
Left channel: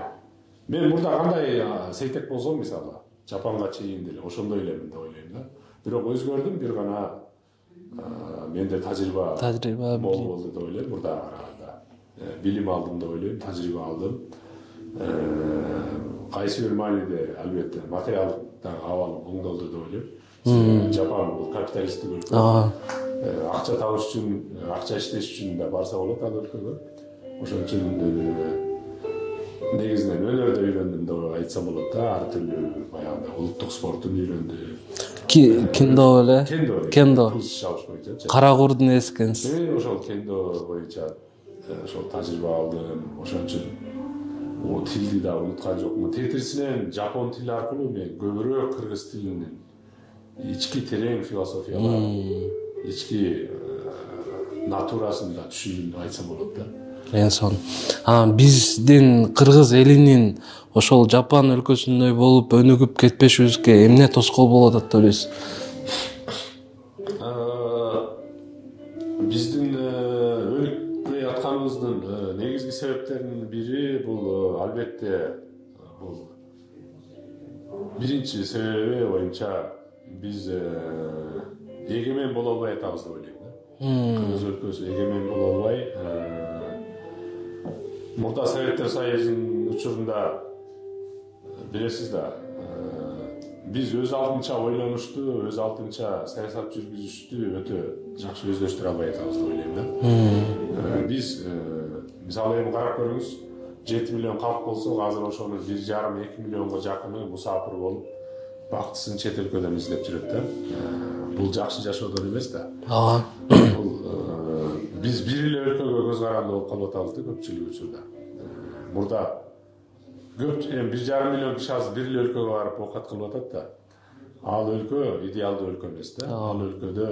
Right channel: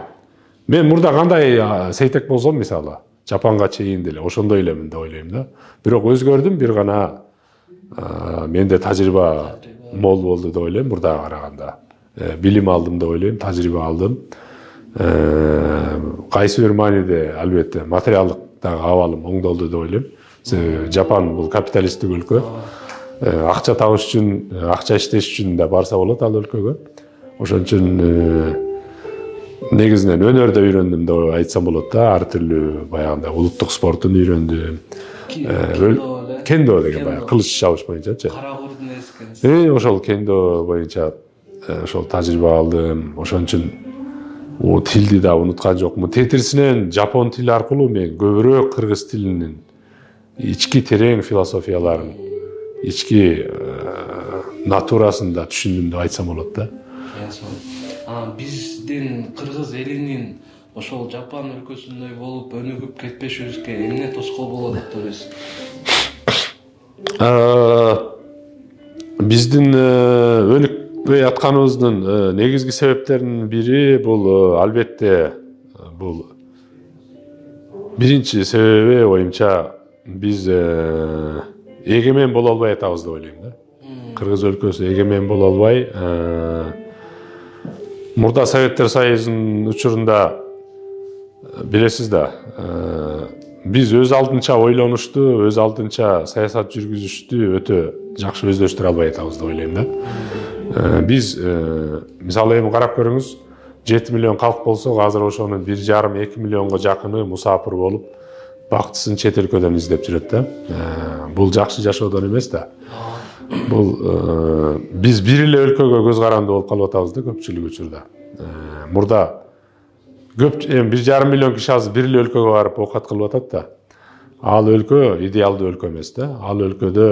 Мен мурда кандай сейтек болсом мисалы Жапанга чейин деле ошондой элемин деп ойлойм да. Бирок өзгөрдүм, бир гана менде тажрыйба мол болду деп ойлойм мурдага караганда. Билим алдым деп ойлойм, тажрыйба алдым. Кайсы бир мааниде албетте материалдык дагы абалым оңдолду деп ойлойм. Жапан бул капиталисттик өлкө. Акча табыш үчүн, акча иштеш үчүн да барса болот ал өлкөгө. Ошон үчүн негизинен өнөрдө үйрөндүм деп айтсам болот да. Ар түрлүү баягындай улуттук спортун үйрөндүм. Кендо эле. Кендо деген кылыч чабыш боюнчачы. Кара курдун эси экенсиз. Ошол кендо боюнча ошол тажрыйба алдым. Ошон үчүн тилди да унуткан жокмун. Тетирисинен жапон тили аркылуу мен көбүрөөк кыргыз тилинин ички терең философияларын, ички натурасын да түшүндүм деп айтсам болот да. Биздин кыргыз элинин ошол Жапан өлкөсүндөй болуп өнүгүп кетпешибизге эмне тоскоол болот деп ойлойсуз? Биздин өнүкпөй атканыбыздын негизги себептеринин бири бул албетте бул биринчи себеби оюмча биз эгемен боло албай атабыз деп ойлойм да. Кыргыз өлкөсү эгемен боло албай, мурда Советтер Союзунун учурунда билесиз да, биз өз алдынча ойлонушту, өз алдынча саясат жүргүзүштү өтө жакшы өздөштүрө албай атабыз деп ойлойм да. Биз мисалы эми карап көрүңүз, 7 миллион калк болсо, азыр ошонун 1,5-2 миллионго жакыны мусафир болуп, бактысын чет өлкөдөн издеп жүрөт да. Бул жакшы жашоодон эмес да. Бул биз бир эле өлкөгө көз каранды болуп калып атабыз да көпчүлүк учурда. Мурда көп 1,5 миллион киши азыр бир эле өлкөгө барып оокат кылып атат да. Ал өлкө идеалдуу өлкө эмес да. Ал өлкөдө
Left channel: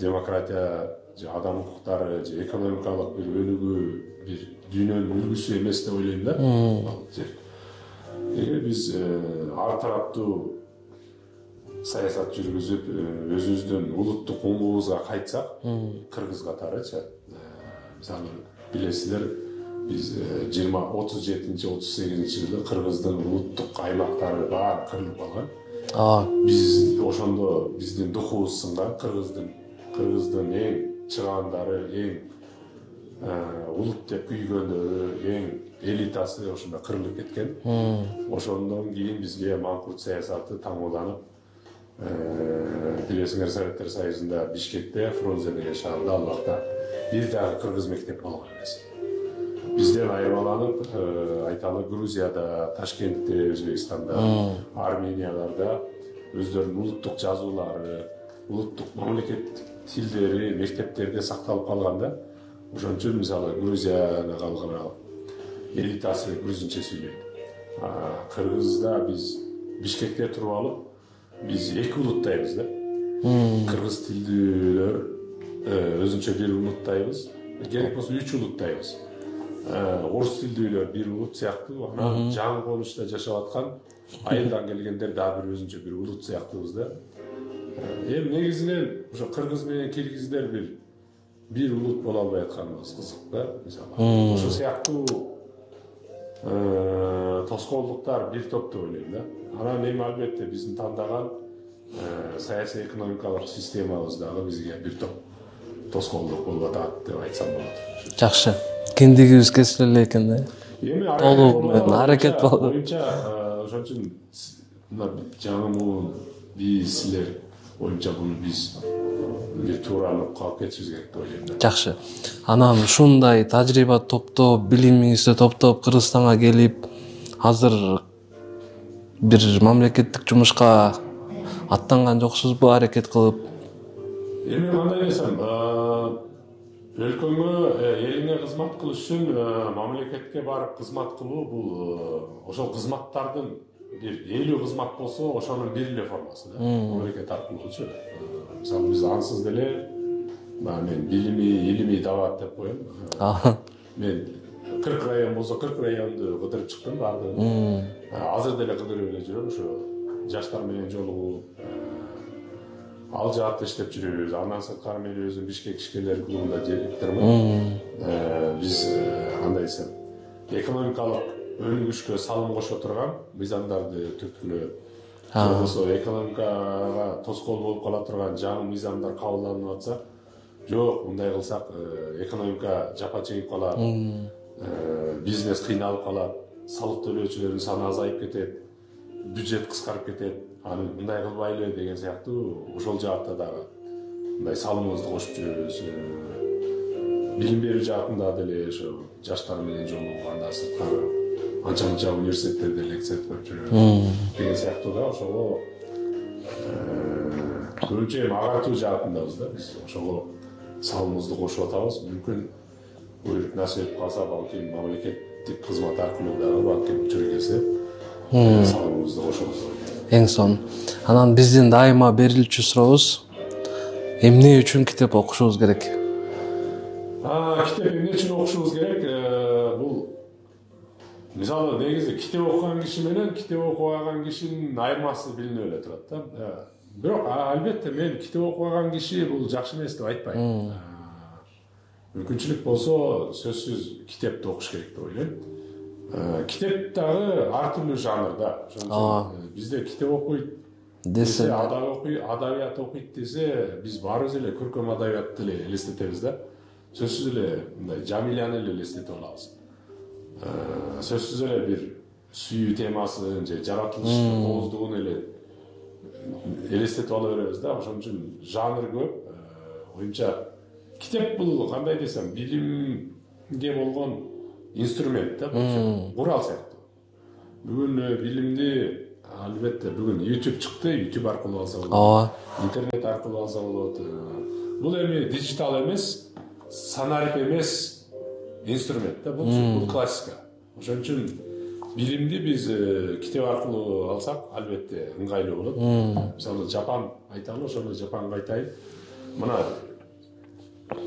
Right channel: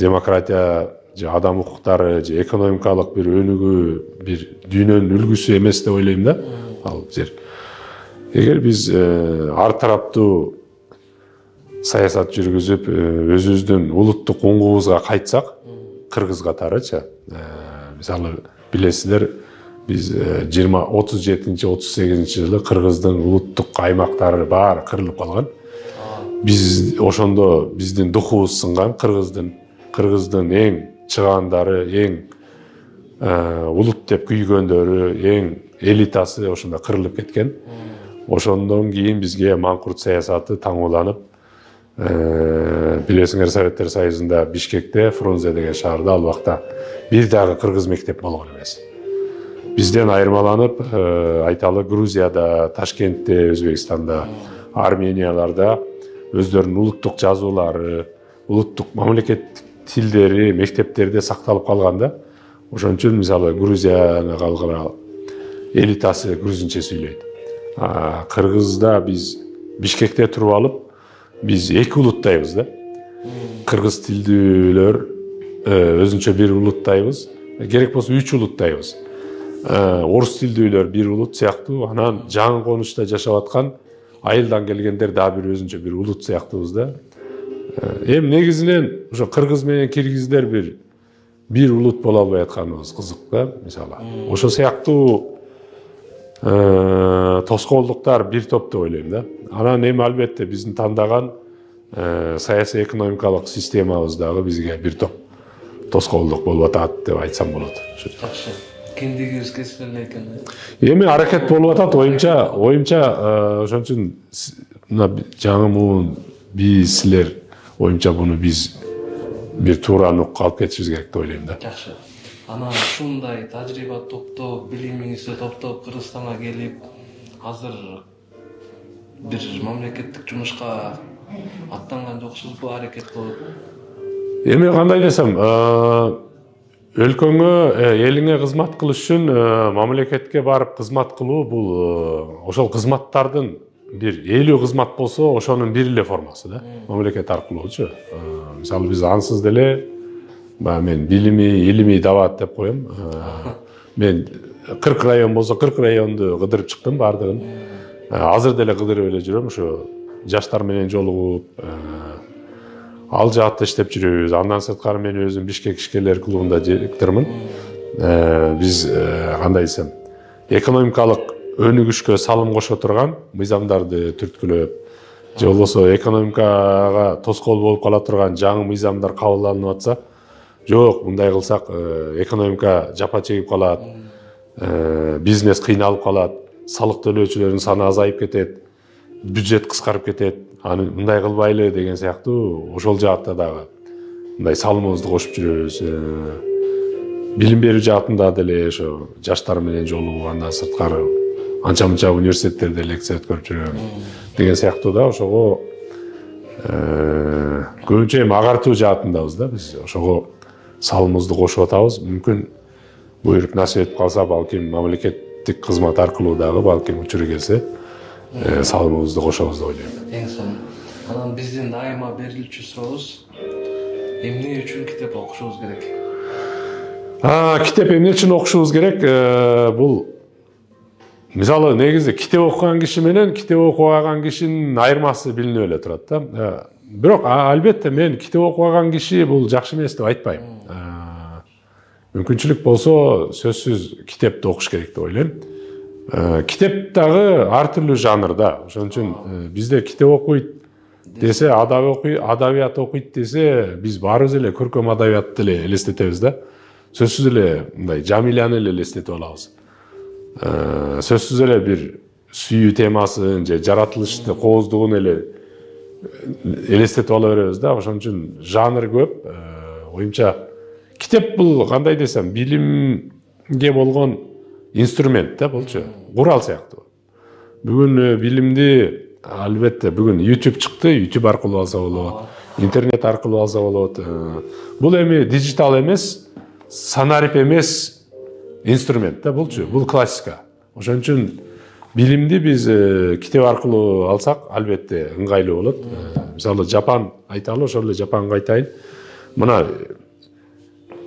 демократия, же адам укуктары, же экономикалык бир өнүгүү, бир дүйнөнүн үлгүсү эмес деп ойлойм да. Ал жер. Эгер биз ар тараптуу саясат жүргүзүп, өзүбүздүн улуттук уңгубузга кайтсак, кыргыз катарычы, мисалы билесиздер, биз 37-38 жылы кыргыздын улуттук аймактары баары кырылып калган. Биз ошондо биздин духубуз сынган, кыргыздын эң чыгандары, эң улут деп күйгөндөрү, эң элитасы ошондо кырылып кеткен. Ошондон кийин бизге маңкурт саясаты таңууланып, билесиңер Советтер Союзунда Бишкекте, Фрунзе деген шаарда ал убакта бир дагы кыргыз мектеп болгон эмес. Бизден айырмаланып, айталы Грузияда, Ташкентте, Өзбекстанда, Арменияларда өздөрүнүн улуттук жазуулары, улуттук мамлекеттик тилдери мектептерде сакталып калган да. Ошон үчүн мисалы Грузияны калган элитасы грузинче сүйлөйт. Кыргызда биз Бишкекте туруп алып, биз эки улуттайбыз да. Кыргыз тилдүүлөр өзүнчө бир улуттайбыз, керек болсо 3 улуттайбыз. Орус тилдүүлөр бир улут сыяктуу, анан жаңы конушта жашап аткан айылдан келгендер дагы бир өзүнчө бир улут сыяктуубуз да. Эми негизинен ошо кыргыз менен киргиздер бир улут боло албай атканыбыз кызык да, мисалы. Ошо сыяктуу тоскоолдуктар бир топ деп ойлойм да. Анан эми албетте биздин тандаган саясий экономикалык системабыз дагы бизге бир топ тоскоолдук болуп атат деп айтсам болот. Жакшы. Кендигибиз кесиле эле экен да. Эми аракет болуп атат, оюмча ошон үчүн мына жаңы муун биз силер оюмча буну биз бир туура нукка алып кетишибиз керек деп ойлойм да. Жакшы. Анан ушундай тажрыйба топтоп, билимиңизди топтоп Кыргызстанга келип, азыр бир мамлекеттик жумушка аттанган жоксузбу аракет кылып? Эми кандай десем, өлкөңө, элиңе кызмат кылыш үчүн мамлекетке барып кызмат кылуу бул ошол кызматтардын бир 50 кызмат болсо, ошонун бир эле формасы да. Мамлекет аркылуучу. Мисалы биз ансыз деле мен билими, илимий дават деп коем. Мен 40 район болсо 40 районду кыдырып чыктым бардыгын. Азыр деле кыдырып эле жүрөм, ошо жаштар менен жолугуп, ал жаатта иштеп жүрөбүз. Андан сырткары мен өзүм Бишкек ишкерлер клубунда директормун. Биз кандай десем, экономикалык өнүгүшкө салым кошо турган мыйзамдарды түрткүлөп, же болбосо экономикага тоскоол болуп кала турган жаңы мыйзамдар кабылданып атса, жок, мындай кылсак экономика жапа чегип калат, бизнес кыйналып калат, салык төлөөчүлөрдүн саны азайып кетет, бюджет кыскарып кетет. Аны мындай кылбайлы деген сыяктуу ошол жаатта дагы мындай салымыбызды кошуп жүрөбүз. Билим берүү жаатында деле ошо жаштар менен жолугуп, андан сырткары анча-мынча университеттерде лекция өткөрүп жүрөбүз деген сыяктуу да. Ошого көбүнчө эми агартуу жаатындабыз да. Биз ошого салымыбызды кошуп атабыз. Мүмкүн буйрук насип этип калса, балким мамлекеттик кызмат аркылуу дагы балким учуру келсе, салымыбызды кошобуз деп ойлойм. Эң сонун. Анан биздин дайыма берилчү сурообуз, эмне үчүн китеп окушубуз керек? Китеп эмне үчүн окушубуз керек? Бул мисалы негизи китеп окуган киши менен китеп окубаган кишинин айырмасы билинип эле турат да. Бирок албетте мен китеп окубаган киши бул жакшы эмес деп айтпайм. Мүмкүнчүлүк болсо сөзсүз китепти окуш керек деп ойлойм. Китеп дагы ар түрлүү жанрда. Ошон үчүн бизде китеп окуйт десе, адабият окуйт десе, биз баарыбыз эле көркөм адабиятты эле элестетебиз да. Сөзсүз эле мындай Жамиляны эле элестетип алабыз. Сөзсүз эле бир сүйүү темасын же жаратылышты кооздугун эле элестетип ала беребиз да. Ошон үчүн жанр көп. Оюмча китеп бул кандай десем, билимге болгон инструмент да, болчу. Курал сыяктуу. Бүгүн билимди албетте бүгүн YouTube чыкты, YouTube аркылуу алса болот. Интернет аркылуу алса болот. Бул эми дижитал эмес, санарип эмес инструмент да, болчу. Бул классика. Ошон үчүн билимди биз китеп аркылуу алсак, албетте ыңгайлуу болот. Мисалы Жапан айталы, ошол эле Жапанга айтайын. Мына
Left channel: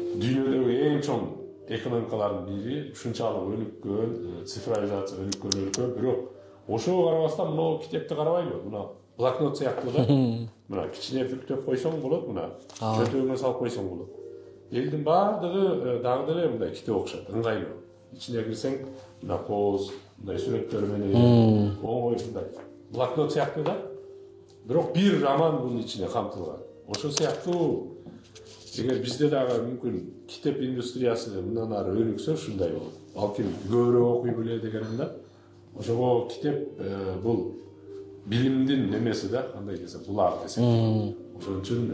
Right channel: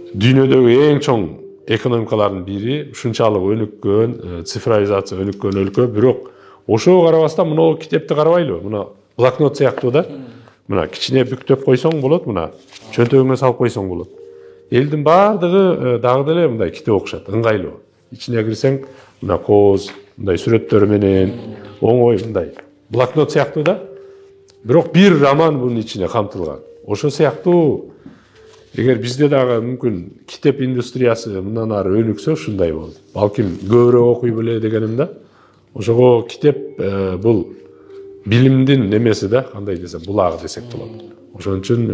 дүйнөдөгү эң чоң экономикалардын бири, ушунчалык өнүккөн, цифровизация өнүккөн өлкө, бирок ошого карабастан мына китепти карабайлы. Мына блокнот сыяктуу да. Мына кичине бүктөп койсоң болот, мына чөнтөгүңө салып койсоң болот. Элдин баардыгы дагы деле мындай китеп окушат, ыңгайлуу. Ичине кирсең, мына кооз, мындай сүрөттөр менен, оңой мындай блокнот сыяктуу да. Бирок бир роман бунун ичине камтылган. Ошо сыяктуу эгер бизде дагы мүмкүн китеп индустриясы мындан ары өнүксө, ушундай болот. Балким көбүрөөк окуй беле дегеним да. Ошого китеп бул билимдин немеси да, кандай десем, булагы десек болот. Ошон үчүн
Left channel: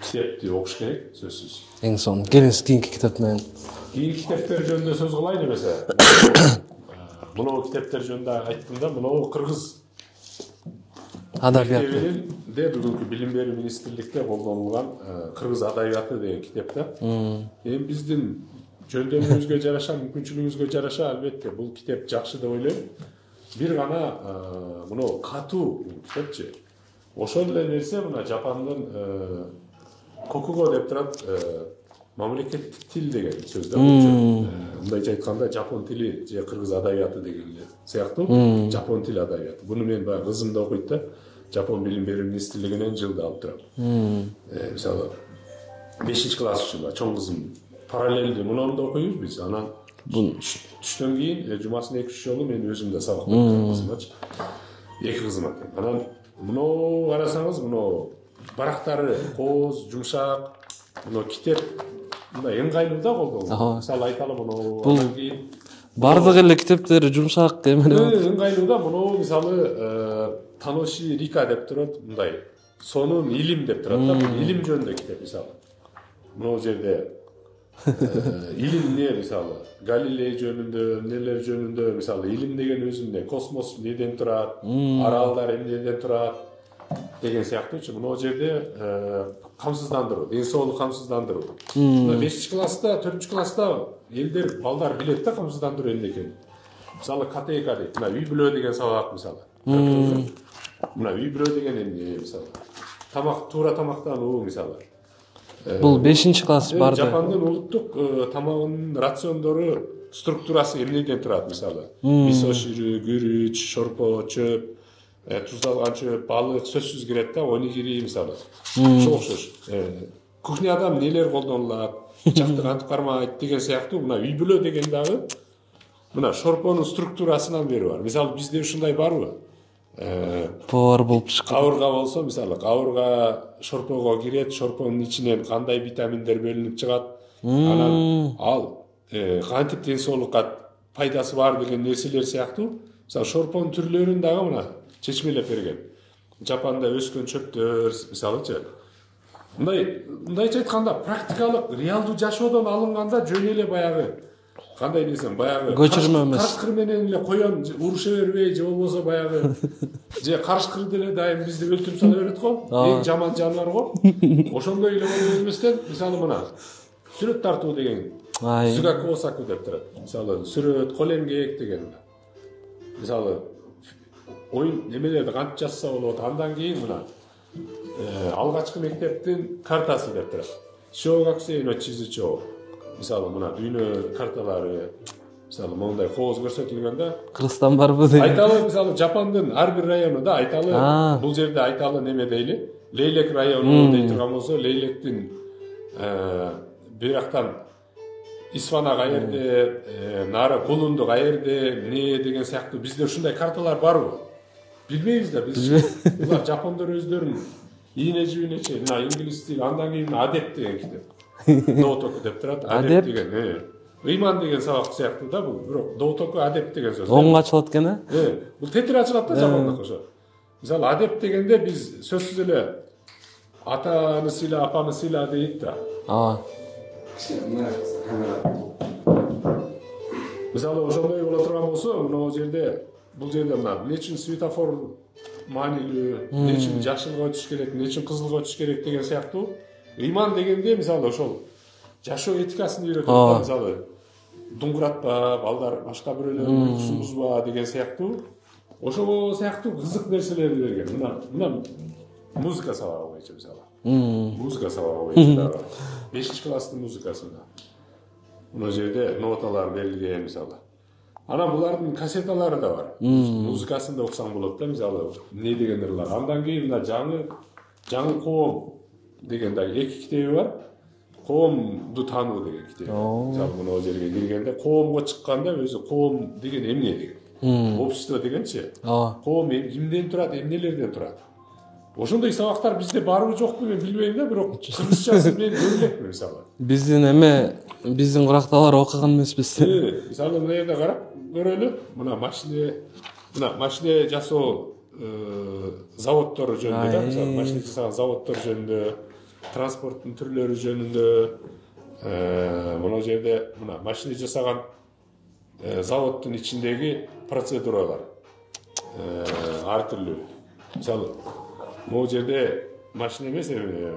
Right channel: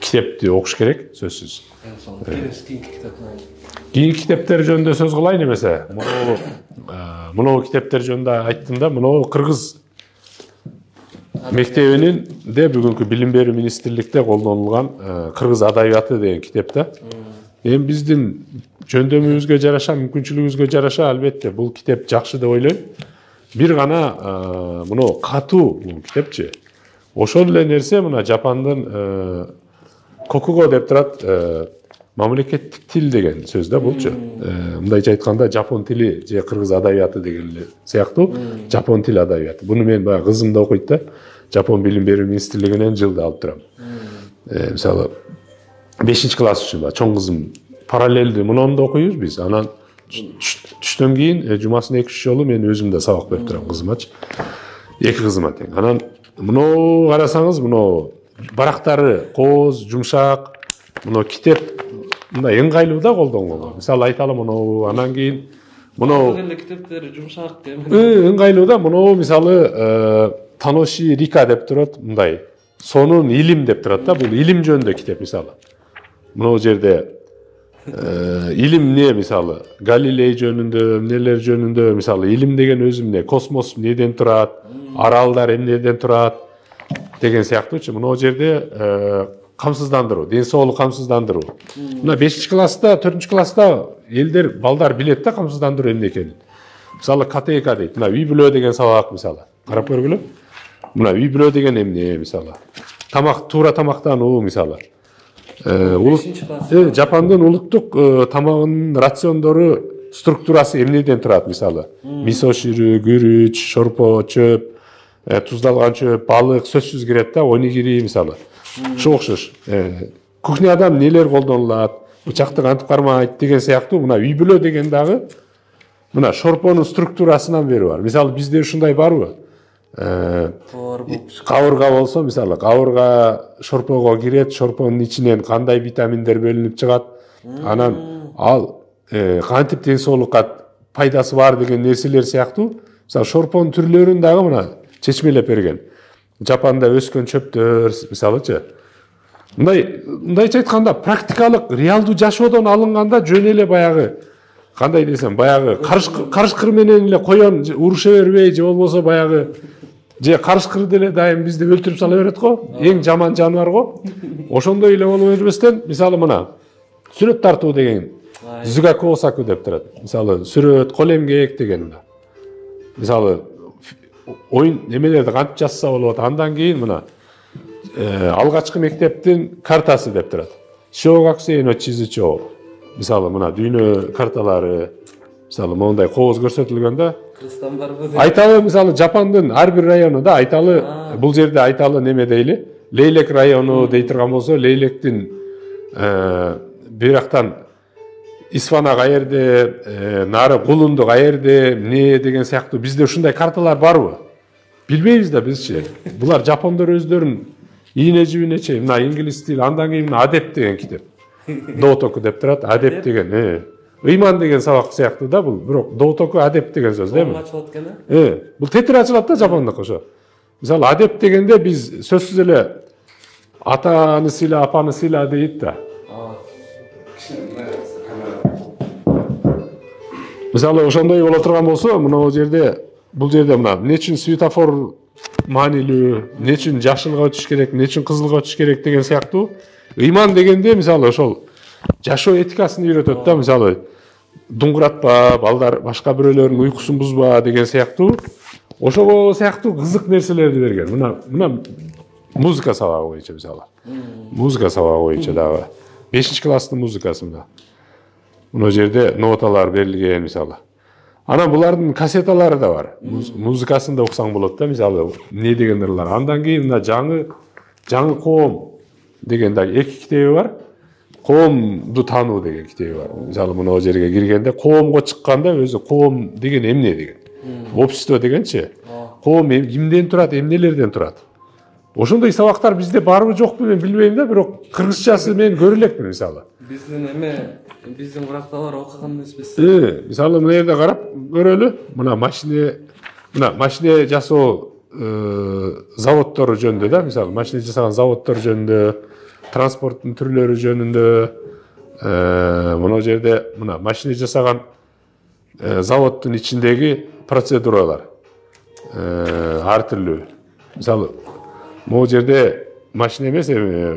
китепти окуш керек, сөзсүз. Эң сонун. Келесі кийинки китеп менен. Кийинки китептер жөнүндө сөз кылайын эмесе. Мына китептер жөнүндө айттым да, мына кыргыз мектебинин де бүгүнкү билим берүү министрликте колдонулган кыргыз адабияты деген китеп да. Эми биздин жөндөмүбүзгө жараша, мүмкүнчүлүгүбүзгө жараша албетте бул китеп жакшы деп ойлойм. Бир гана мына катуу бул китепчи. Ошол эле нерсе мына Жапандын кокуго деп турат, мамлекеттик тил деген сөз да булчу. Мындайча айтканда жапон тили же кыргыз адабияты деген эле сыяктуу, жапон тил адабияты. Буну мен баягы кызым да окуйт да. Жапон билим берүү министрлигинен жылда алып турам. Мисалы 5-класс үчүн чоң кызым параллелдүү муну да окуйбуз биз. Анан түштөн кийин жумасына 2-3 жолу мен өзүм да сабак берип турам кызымачы. Эки кызыма тең. Анан муну карасаңыз, муну барактары кооз, жумшак, муну китеп мындай ыңгайлуу да колдонгонго. Мисалы айталы муну, анан кийин бардык эле китептери жумшак эмне ыңгайлуу да. Муну мисалы Таноши Рика деп турат, мындай сонун илим деп турат да. Бул илим жөнүндө китеп мисалы. Мына жерде илим эмне мисалы Галилей жөнүндө, эмнелер жөнүндө мисалы илим деген өзү эмне, космос эмнеден турат, аралдар эмнеден турат, деген сыяктуучу мына жерде камсыздандыруу, ден соолук камсыздандыруу. Мына 5-класста, 4-класста элдер, балдар билет да камсыздандыруу эмне экенин. Мисалы КТК дейт. Мына үй бүлө деген сабак мисалы. Карап көргүлө. Мына үй бүлө деген эмне мисалы. Тамак, туура тамактануу мисалы. Бул 5-класс бар. Жапандын улуттук тамагынын рациондору структурасы эмнеден турат мисалы. Мисо ширүү, күрүч, шорпо, чөп, туздалган чөп, балык сөзсүз кирет да, онигири мисалы. Ошо окшош. Кухняда нелер колдонулат, бычакты кантип кармайт деген сыяктуу мына үй бүлө деген дагы мына шорпонун структурасынан бери бар. Мисалы бизде ушундай барбы? Повар болуп чыккан. Кабырга болсо, мисалы кабырга шорпого кирет, шорпонун ичинен кандай витаминдер бөлүнүп чыгат, анан ал кантип ден соолукка пайдасы бар деген нерселер сыяктуу. Мисалы шорпонун түрлөрүн дагы мына чечмелеп берген. Жапанда өскөн чөптөр, мисалычы. Мындайча айтканда практикалык, реалдуу жашоодон алынганда жөн эле баягы кандай десем, баягы карышкыр менен эле коён уруша бербей, же болбосо баягы же карышкыр деле дайым бизди өлтүрүп сала берет го. Эң жаман жаныбар го. Ошондой эле боло бербестен, мисалы мына сүрөт тартуу деген зугакосаку деп турат. Мисалы сүрөт, кол эмгек деген. Мисалы оюн немелерди кантип жазса болот, андан кийин мына алгачкы мектептин картасы деп турат. Шогаксейно чизичо. Мисалы мына дүйнө карталары, мисалы мондай кооз көрсөтүлгөндө Кыргызстан барбы деп. Айталы мисалы Жапандын ар бир районунда айталы, бул жерде айталы неме дейли, Лейлек району дей турган болсо, Лейлектин бирактан Исфана каерде, нары Кулунду каерде, эмне деген сыяктуу бизде ушундай карталар барбы? Билбейбиз да бизчи. Булар жапондор өздөрүн ийне жибине чейин мына инглиз тили, андан кийин адеп деген китеп. Доотоку деп турат, адеп деген. Ыйман деген сабак сыяктуу да бул, бирок доотоку адеп деген сөз. Оң ачылат экен, бул тетир ачылат да жапондук ошо. Мисалы адеп дегенде биз сөзсүз эле атаны сыйла, апаны сыйла дейт да. Мисалы ошондой боло турган болсо, мына жерде бул жерде мына эмне үчүн светофор маанилүү, эмне үчүн жашылга өтүш керек, эмне үчүн кызылга өтүш керек деген сыяктуу. Ыйман дегенде мисалы ошол жашоо этикасын үйрөтөт да, мисалы дуңгуратпа, балдар башка бирөөлөрдүн уйкусун бузба деген сыяктуу. Ошого сыяктуу кызык нерселерди берген. Мына музыка сабагы боюнча мисалы. Музыка сабагы боюнча дагы 5-класстын музыкасы мына. Мына жерде ноталар берилген мисалы. Анан булардын кассеталары да бар. Музыкасын да уксаң болот да, мисалы эмне деген ырлар. Андан кийин мына жаңы коом деген да 2 китеби бар. Коомду таануу деген китеби бар. Мисалы мына жерге киргенде коомго чыкканда өзү коом деген эмне деген. Общество дегенчи. Коом кимден турат, эмнелерден турат. Ошондой сабактар бизде барбы жокпу мен билбейм да, бирок кыргызчасы мен көрө элекмин мисалы. Биздин куракталар окуган эмеспиз. Мисалы мына жерде карап көрөлү. Мына машина жасоо заводдору жөнүндө да, мисалы машина жасаган заводдор жөнүндө, транспорттун түрлөрү жөнүндө, мына жерде мына машина жасаган заводдун ичиндеги процедуралар ар түрлүү. Мисалы могу жерде машина эмес,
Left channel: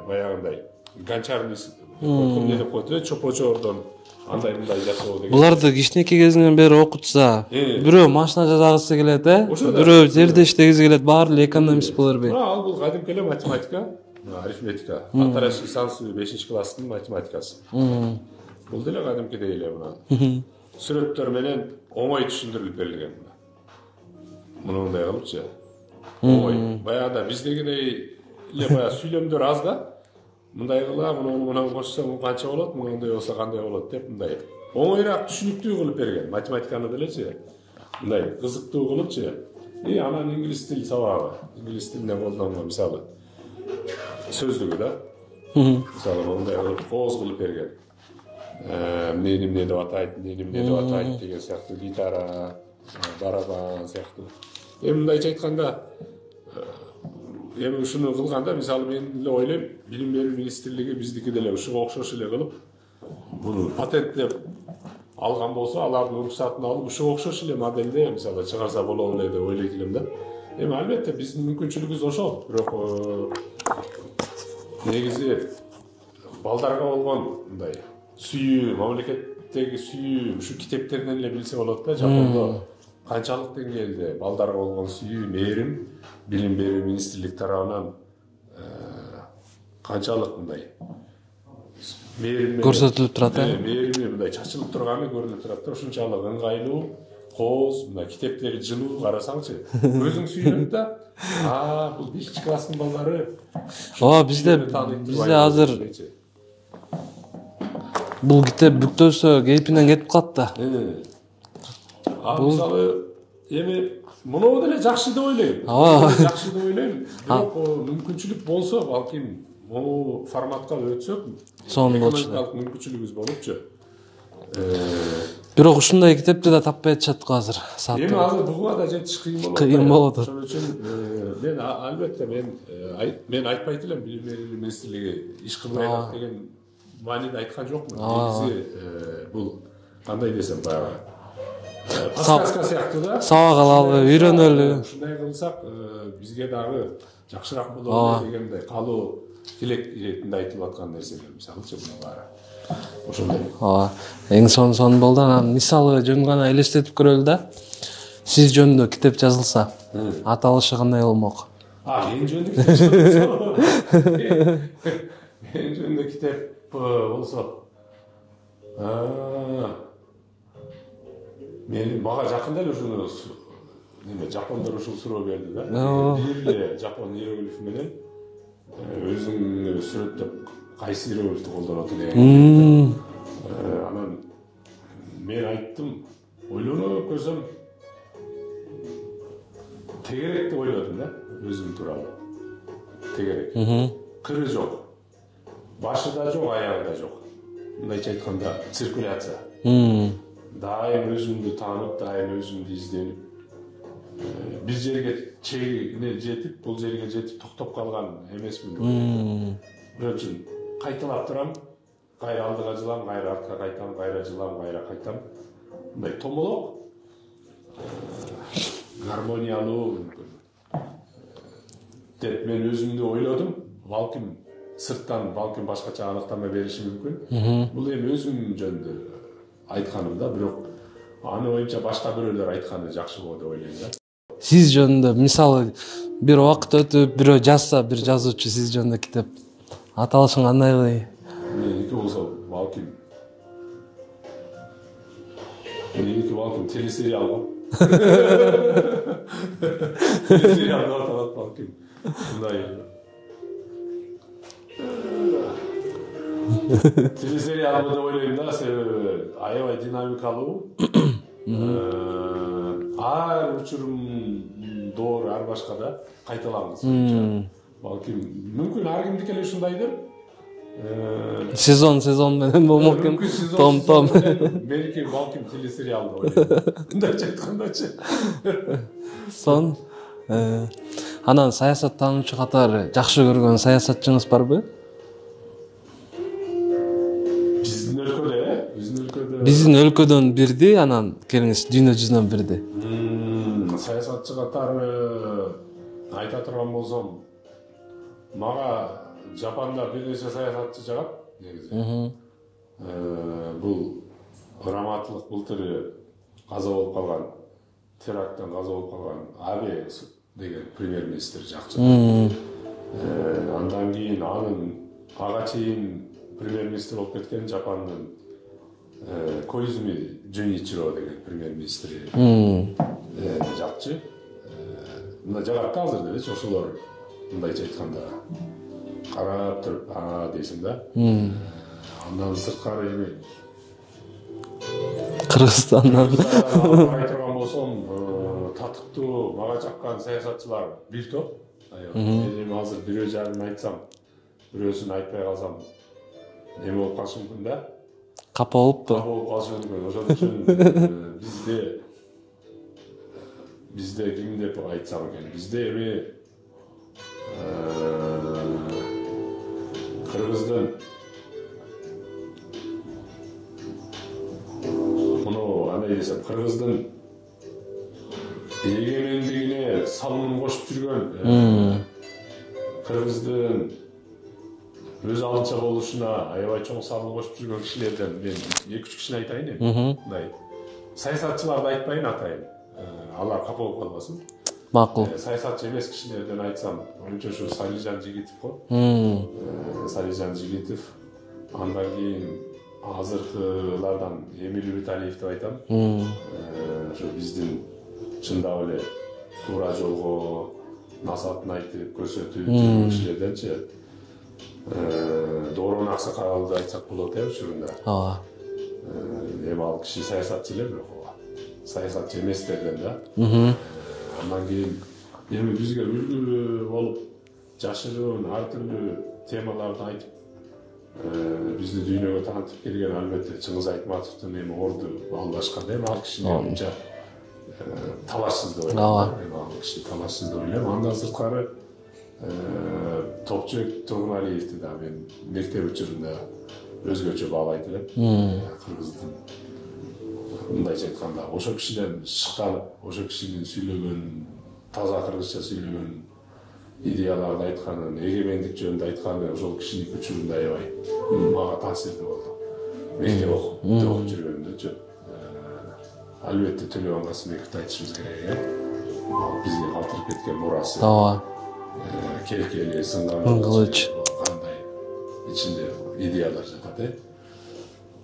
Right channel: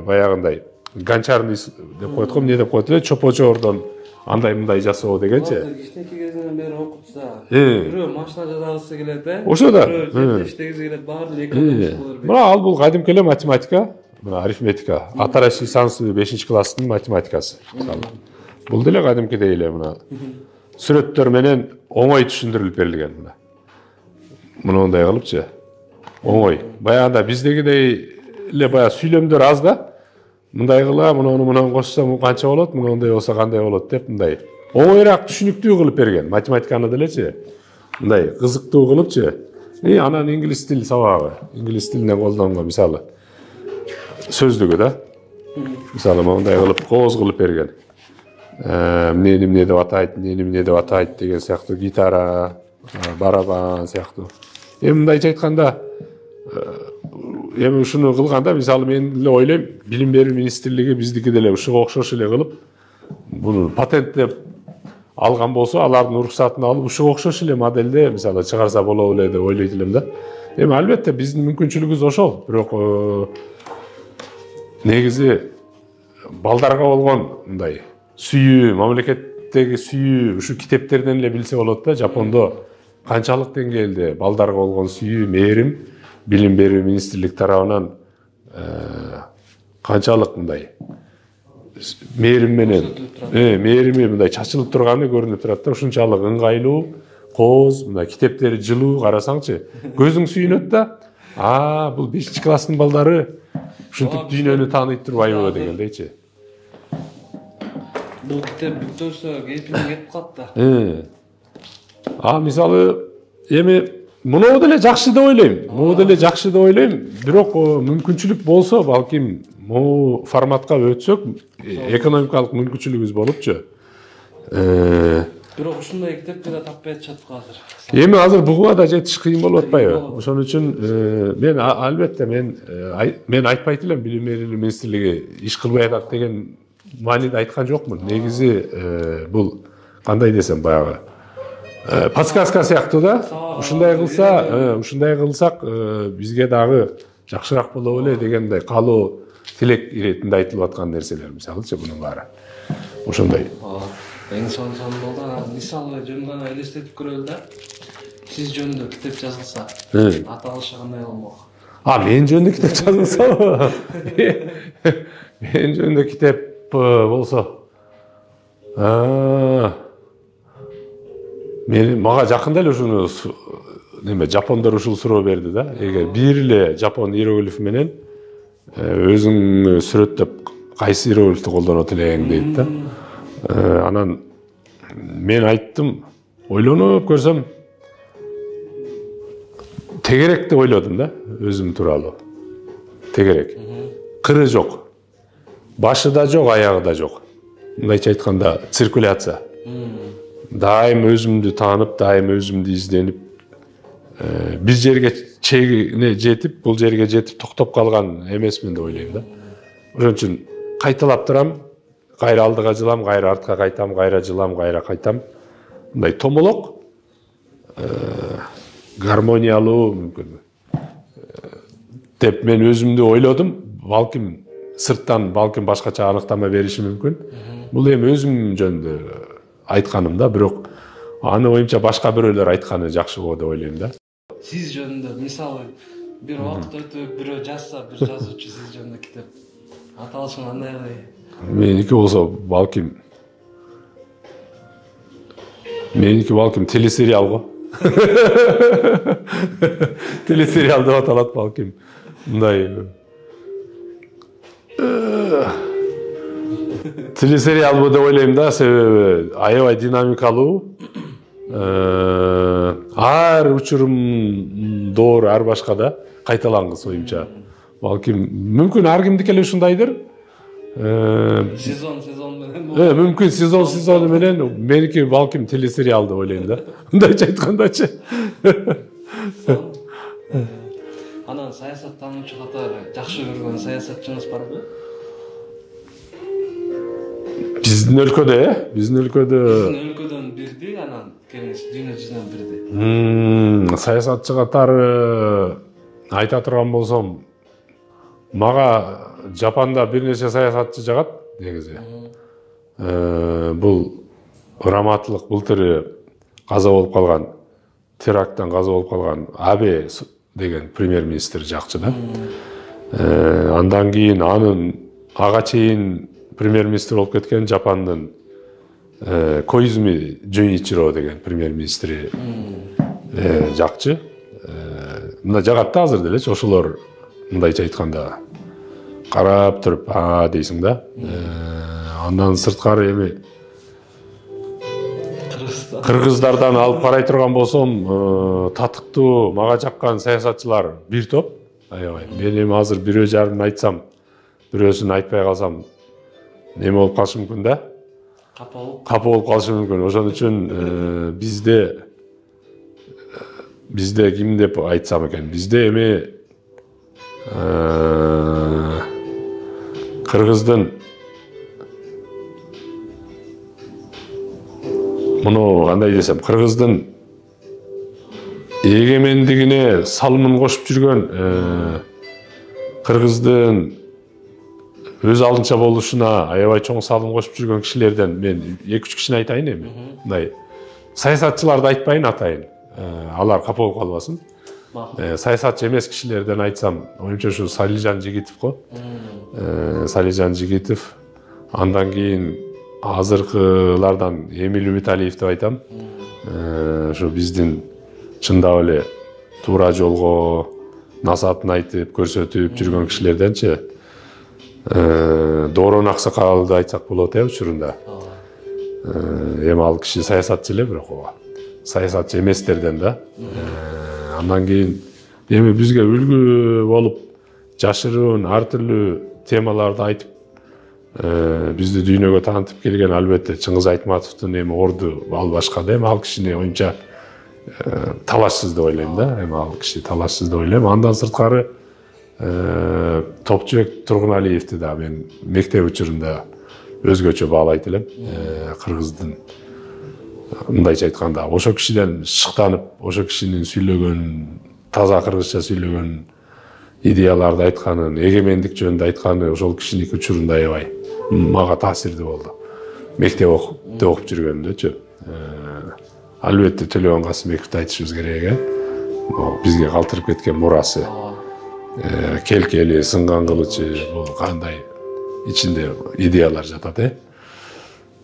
баягындай гончарный деп коет го, эмне деп коет эле, чопочордон андай мындай жасоо деген. Буларды кичинекей кезинен бери окутса, бирөө машина жасагысы келет, ошо да. Бирөө жерде иштегиси келет, баары эле экономист боло бербейт. Ал бул кадимки эле математика, мына арифметика, атараши сансыбы 5-класстын математикасы. Бул деле кадимкидей эле мына сүрөттөр менен оңой түшүндүрүлүп берилген мына. Мындай кылыпчы. Оңой. Баягында биздегидей эле баягы сүйлөмдөр аз да. Мындай кыла, мунун кошсоң канча болот, мындай болсо кандай болот деп мындай оңойраак түшүнүктүү кылып берген. Математиканы делечи. Мындай кызыктуу кылыпчы. Анан инглиз тил сабагы, инглиз тилинен колдонгон мисалы сөздүгү да. Мисалы мындай кылып кооз кылып берген. Эмне деп атайт, эмне деп атайт деген сыяктуу, гитара, барабан сыяктуу. Мындайча айтканда, ушуну кылганда мисалы мен эле ойлойм, билим берүү министрлиги биздики деле ушуга окшош эле кылып, буну патенттеп алган болсо, алардын уруксатын алып ушуга окшош эле модельде мисалы чыгарса болот эле деп ойлойт элем да. Эми албетте биздин мүмкүнчүлүгүбүз ошол. Бирок негизи балдарга болгон мындай сүйүү, мамлекеттеги сүйүү ушу китептерден эле билсе болот да. Жапондо канчалык деңгээлде балдарга болгон сүйүү, мээрим билим берүү министрлик тарабынан канчалык мындай мээрим менен көрсөтүлүп турат. мээрими мындай чачылып турганы көрүнүп турат да. Ушунчалык ыңгайлуу, кооз, мындай китептери жылуу карасаңчы, көзүң сүйүнөт да. Бул 5 класстын балдары ушинтип дүйнөнү тааныйт турбайбы дегендейчи. Бул китеп бүктөсө кейпинен кетип калат да. Мисалы эми муну деле жакшы деп ойлойм. Бирок мүмкүнчүлүк болсо, балким могу форматка өтсөк, экономикалык мүмкүнчүлүгүбүз болупчу. Бирок ушундай китепти да таппай атышат го азыр. Эми азыр буга да жетиш кыйын болуп атпайбы? Ошон үчүн мен албетте мен айтпайт элем билим берүү министрлиги иш кылбай атат деген мааниде айткан жокмун. Негизи бул кандай десем баягы подсказка сыяктуу да. Ушундай кылсак бизге дагы жакшыраак болот эле дегендей каалоо тилек иретинде айтылып аткан нерселер мисалычы мунун баары. Ошондой. Эң сонун болду. Анан мисалы жөн гана элестетип көрөлү да. Сиз жөнүндө китеп жазылса, аталышы кандай болмок? Мен жөнүндө китеп жазылса? Мен жөнүндө китеп болсо. Мага жакында эле ушуну жапондор ушул суроо берди да. Бир эле жапон иероглифи менен өзүң сүрөттөп кайсы иероглифти колдонот элең дейт да. Анан мен айттым, ойлонуп көрсөм, тегерек деп ойлодум да, өзүм тууралуу. Тегерек. Кыры жок. Башы да жок, аягы да жок. Мындайча айтканда, циркуляция. Дайым өзүмдү таанып, дайым өзүмдү изденип, бир жерге чегине жетип, бул жерге жетип токтоп калган эмесмин деп ойлойм да. Ошон үчүн кайталап турам, кайра алдыга жылам, кайра артка кайтам, кайра жылам, кайра кайтам. Мындай томолок, гармониялуу мүмкүн деп мен өзүмдү ойлодум. Балким сырттан башкача аныктама бериши мүмкүн. Бул эми өзүм жөнүндө айтканым да, бирок аны оюмча башка бирөөлөр айтканы жакшы болот деп ойлойм да. Сиз жөнүндө мисалы бир убакыт өтүп, бирөө жазса, бир жазуучу сиз жөнүндө китеп, аталышын кандай? Меники балким телесериал го. Телесериал деп аталат балким. Мындай телесериал деп ойлойм да, себеби аябай динамикалуу. Ар учурумдор, ар башка да кайталангыс оюнча. Балким мүмкүн ар кимдики эле ушундайдыр. Сезон менен болот. Мүмкүн сезон менен, меники балким телесериал деп ойлойм да. Мындайча айткандачы. Анан саясаттануучу катары жакшы көргөн саясатчыңыз барбы? Биздин өлкөдөн бирди, анан келиңиз дүйнө жүзүнөн бирди. Саясатчы катары айта турган болсом, мага Жапанда бир нече саясатчы жагат негизи. Бул раматылык былтыры каза болуп калган, теракттан каза болуп калган Абе деген премьер-министр жакчы да. Андан кийин ага чейин премьер-министр болуп кеткен Жапандын Коизуми Жуниchiro деген премьер-министри жакчы. Мына жагат да азыр делечи, ошолор мындайча айтканда карап туруп, дейсиң да. Андан сырткары эми кыргыздардан алып карай турган болсом, татыктуу, мага жаккан саясатчылар бир топ. Мен эми азыр бирөө жарын айтсам, бирөөсүн айтпай калсам, неме болуп калышы мүмкүн да? Капа болуп калышы мүмкүн. Ошон үчүн бизде ким деп айтсам экен? Бизде эми кыргыздын муну кандай десем, кыргыздын эгемендигине салымын кошуп жүргөн кыргыздын өз алдынча болушуна аябай чоң салым кошуп жүргөн кишилерден мен 2-3 кишини айтайын эми. Мындай саясатчыларды айтпайын, атайын. Алар капа болуп калбасын. Макул. Саясатчы эмес кишилерден айтсам, оюмча ушу Салижан Жигитов го. Салижан Жигитов, андан кийин азыркылардан Эмиль Виталиев деп айтам. Ушу биздин чындап эле туура жолго насаатын айтып, көрсөтүп жүргөн кишилерденчи Доорон Аксакалды айтсак болот учурунда. Эми ал киши саясатчы эле, бирок саясатчы эместерден да. Андан кийин эми бизге үлгү болуп жашыруун ар түрлүү темаларды айтып бизди дүйнөгө таанытып келген албетте Чыңгыз Айтматовдун эми орду ал башка да, эми ал кишини оюмча талашсыз деп ойлойм да. Эми ал киши талашсыз деп ойлойм. Андан сырткары Топчубек Тургуналиевди да мен мектеп учурунда өзгөчө баалайт элем. Кыргыздын мындайча айтканда ошо кишиден шыктанып, ошо кишинин сүйлөгөн, таза кыргызча сүйлөгөн идеяларды айтканын, эгемендик жөнүндө айтканы ошол кишинин учурунда аябай мага таасирдүү болду. Мектеп окуп жүргөнүмдөчү. Албетте Төлөбөн Касымбековду айтышыбыз керек, бизге калтырып кеткен мурасы. Келкели, сынган кылычы, бул кандай ичинде идеялар жатат,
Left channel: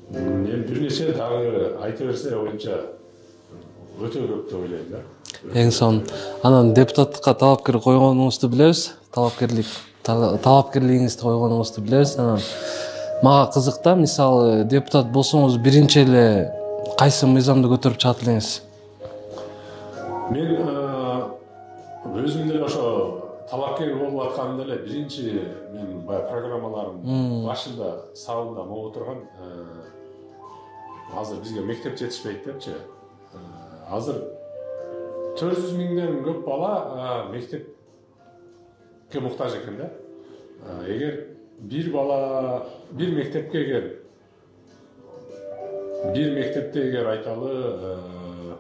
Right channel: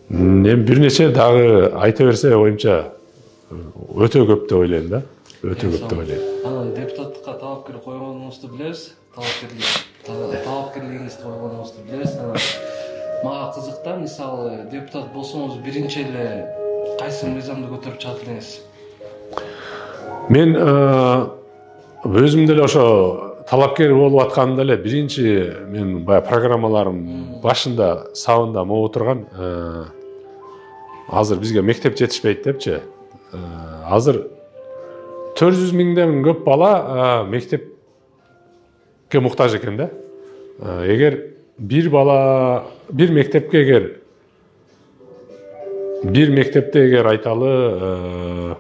Эми бир нече дагы айта берсе оюмча өтө көп деп ойлойм да. Эң сонун. Анан депутаттыкка талапкер койгонуңузду билебиз. Талапкерлигиңизди койгонуңузду билебиз. Мага кызык да, мисалы депутат болсоңуз биринчи эле кайсы мыйзамды көтөрүп чыгат элеңиз? Мен өзүм деле ошо талапкер болуп атканымда эле биринчи мен баягы программаларым башында сабында могу турган азыр бизге мектеп жетишпейт депчи. Азыр 400 миңден көп бала мектепке муктаж экен да. Эгер бир бала бир мектепте эгер айталы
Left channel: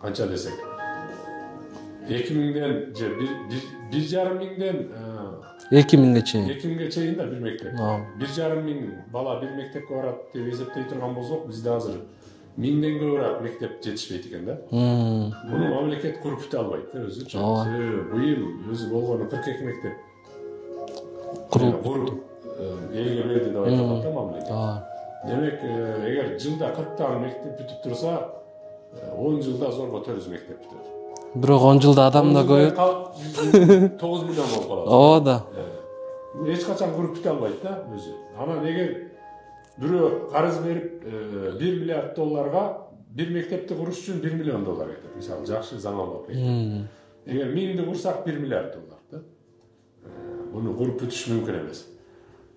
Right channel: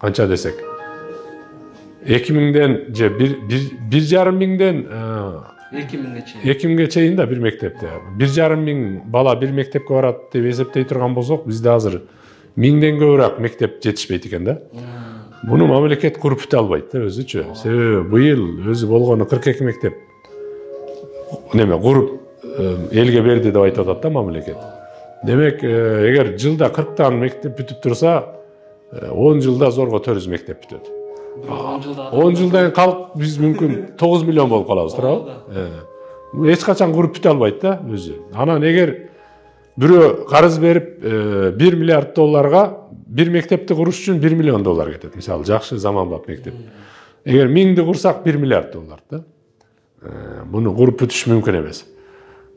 канча десек 2000ден же 1,5 миңден 2000ге чейин да бир мектепте 1,5 миң бала бир мектепке барат деп эсептей турган болсок, бизде азыр 1000ден көбүрөөк мектеп жетишпейт экен да. Буну мамлекет куруп бүтө албайт да өзүчү. Себеби быйыл өзү болгону 42 мектеп куруп элге берди деп айтып атат да мамлекет. Демек, эгер жылда 40тан мектеп бүтүп турса, 10 жылда зорго 400 мектеп бүтөт. Бирок 10 жылда адамдар 10 жылда калып биз мүмкүн 9 миллион болуп калабыз. Ооба да. Эч качан куруп бүтө албайт да өзү. Анан эгер бирөө карыз берип 1 миллиард долларга бир мектепти куруш үчүн 1 миллион доллар кетет. Мисалы, жакшы заманбап мектеп. Эгер 1000ди курсак 1 миллиард доллар да. Буну куруп бүтүш мүмкүн эмес.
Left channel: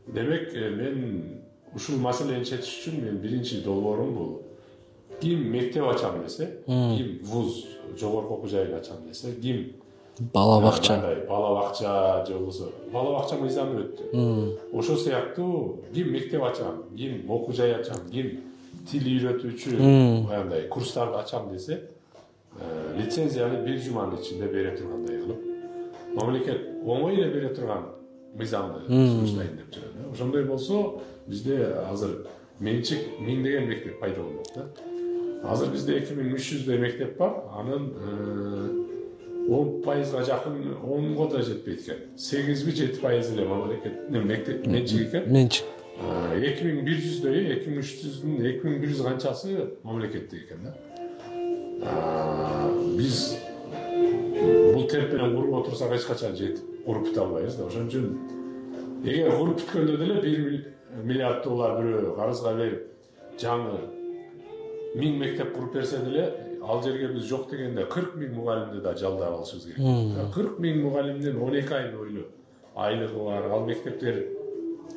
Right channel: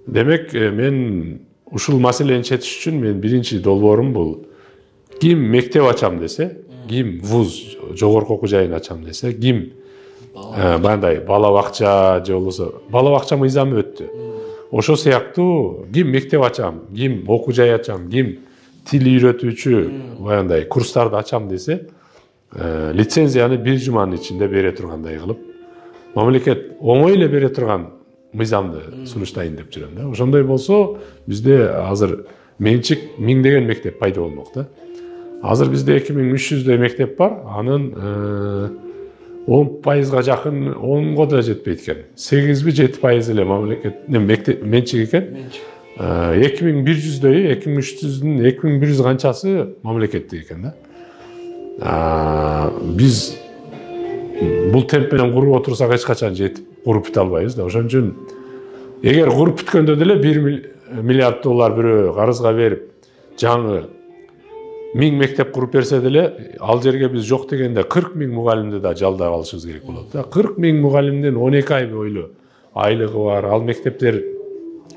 Демек, мен ушул маселени чечиш үчүн мен биринчи долбоорум бул ким мектеп ачам десе, ким вуз жогорку окуу жайын ачам десе, ким бала бакча же болбосо бала бакча мыйзамы өттү. Ошо сыяктуу ким мектеп ачам, ким окуу жай ачам, ким тил үйрөтүүчү баягындай курстарды ачам десе, лицензияны 1 жуманын ичинде бере тургандай кылып, мамлекет оңой эле бере турган мыйзамды сунуштайын деп жүрөм да. Ошондой болсо, бизде азыр менчик 1000деген мектеп пайда болмок да. Азыр бизде 2300дөй мектеп бар, анын 10%га жакын 10го да жетпейт экен. 8-7% эле мамлекет менчик экен. Менчик. 2100дөй, 2300дүн 2100 канчасы мамлекеттик экен да. Биз бул темп менен куруп отурсак эч качан жетип куруп бүтө албайбыз да. Ошон үчүн эгер куруп бүткөндө деле 1 миллиард доллар бирөө карызга берип, жаңы 1000 мектеп куруп берсе деле, ал жерге биз жок дегенде 40 миң мугалимди да жалдап алышыбыз керек болот да. 40 миң мугалимдин 12 ай бойлуу айлыгы бар. Ал мектептер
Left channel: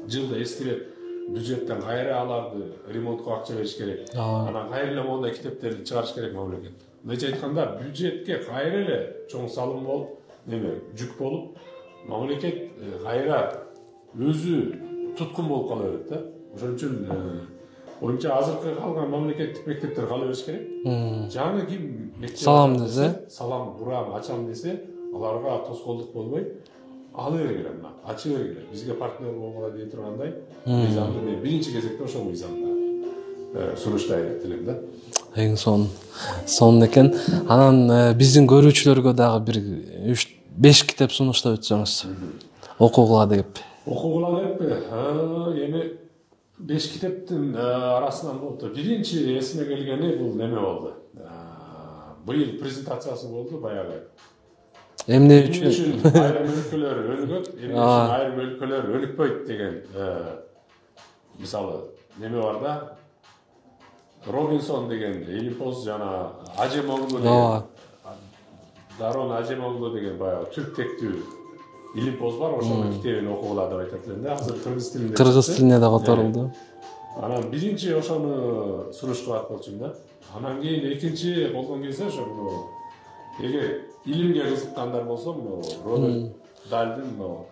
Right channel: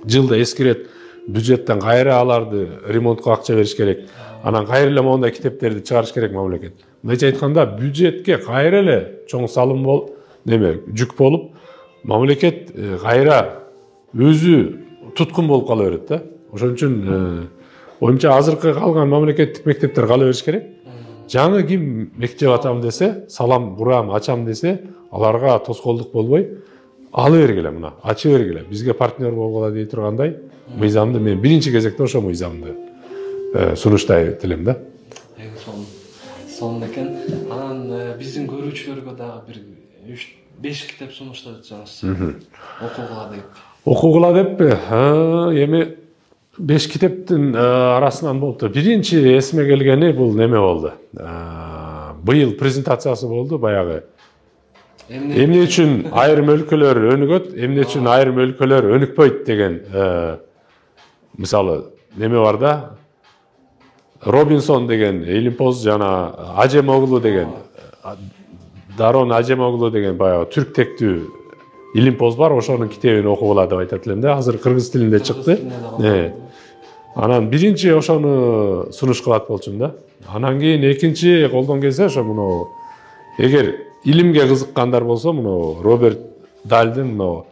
жылда эскирет бюджеттен кайра аларды ремонтко акча бериш керек. Анан кайра эле мондай китептерди чыгарыш керек мамлекет. Мындайча айтканда, бюджетке кайра эле чоң салым жүк болуп, мамлекет кайра өзү туткун болуп кала берет да. Ошон үчүн Оюмча азыркы калган мамлекеттик мектептер кала бериш керек. Жаңы ким мектеп ачам десе, салам курам, ачам десе, аларга тоскоолдук болбой, алы бергиле мына, ачы бергиле. Бизге партнер болгула дей тургандай мыйзамды мен биринчи кезекте ошо мыйзамды сунуштайт элем да. Эң сонун экен. Анан биздин көрүүчүлөргө дагы бир 3-5 китеп сунуштап өтсөңүз. Окугула деп. Окугула деп, эми 5 китептин арасынан болду. Биринчи эсиме келгени бул неме болду. Быйыл презентациясы болду баягы. Эмне үчүн айрым өлкөлөр өнүгөт, эмне үчүн айрым өлкөлөр өнүкпөйт деген мисалы неме бар да. Робинсон деген Илимпоз жана Ажемоглу деген Дарон Ажемоглу деген баягы түрк тектүү Илимпоз бар, ошонун китебин окугула деп айтат элем да. Азыр кыргыз тилинде чыкты. Кыргыз тилине да калтырылды. Анан биринчи ошону сунуш кылат болчумун да. Анан кийин экинчи колдон келсе ошо муну эгер илимге кызыккандар болсо муну Роберт Дальдын муну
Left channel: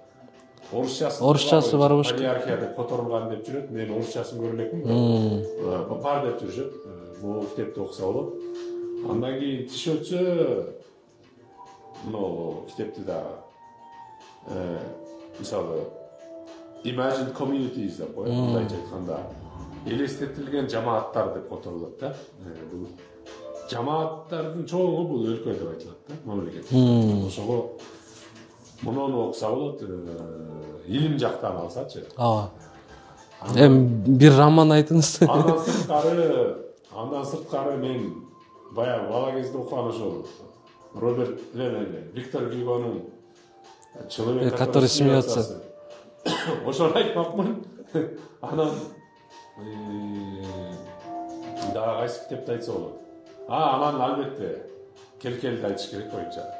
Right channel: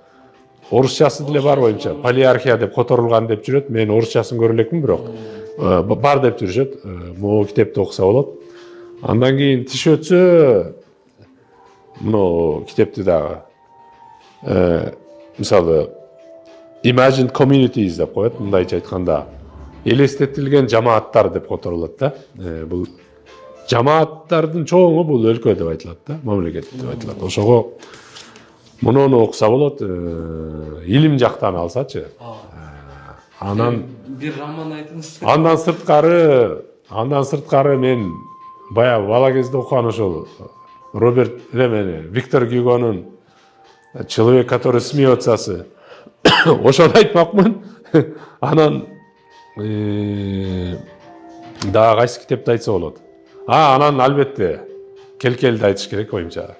орусчасы деле бар боюнча полиархия деп которулган деп жүрөт. Мен орусчасын көрө элекмин, бирок бар деп жүрүшөт. Могу китепти окуса болот. Андан кийин тиш өтсө муну китепти дагы мисалы Imagine Communities деп коет, мындайча айтканда элестетилген жамааттар деп которулат да. Бул жамааттардын чоңу бул өлкө деп айтылат да, мамлекет деп айтылат. Ошого муну окуса болот, илим жактан алсачы. Анан бир роман айтыңыз. Андан сырткары мен баягы бала кезде окуган ошол Виктор Гюгонун «Человек, который смеется». Ошону айтмакмын. Анан дагы кайсы китепти айтса болот. Анан албетте Келкелди айтыш керек оюмча.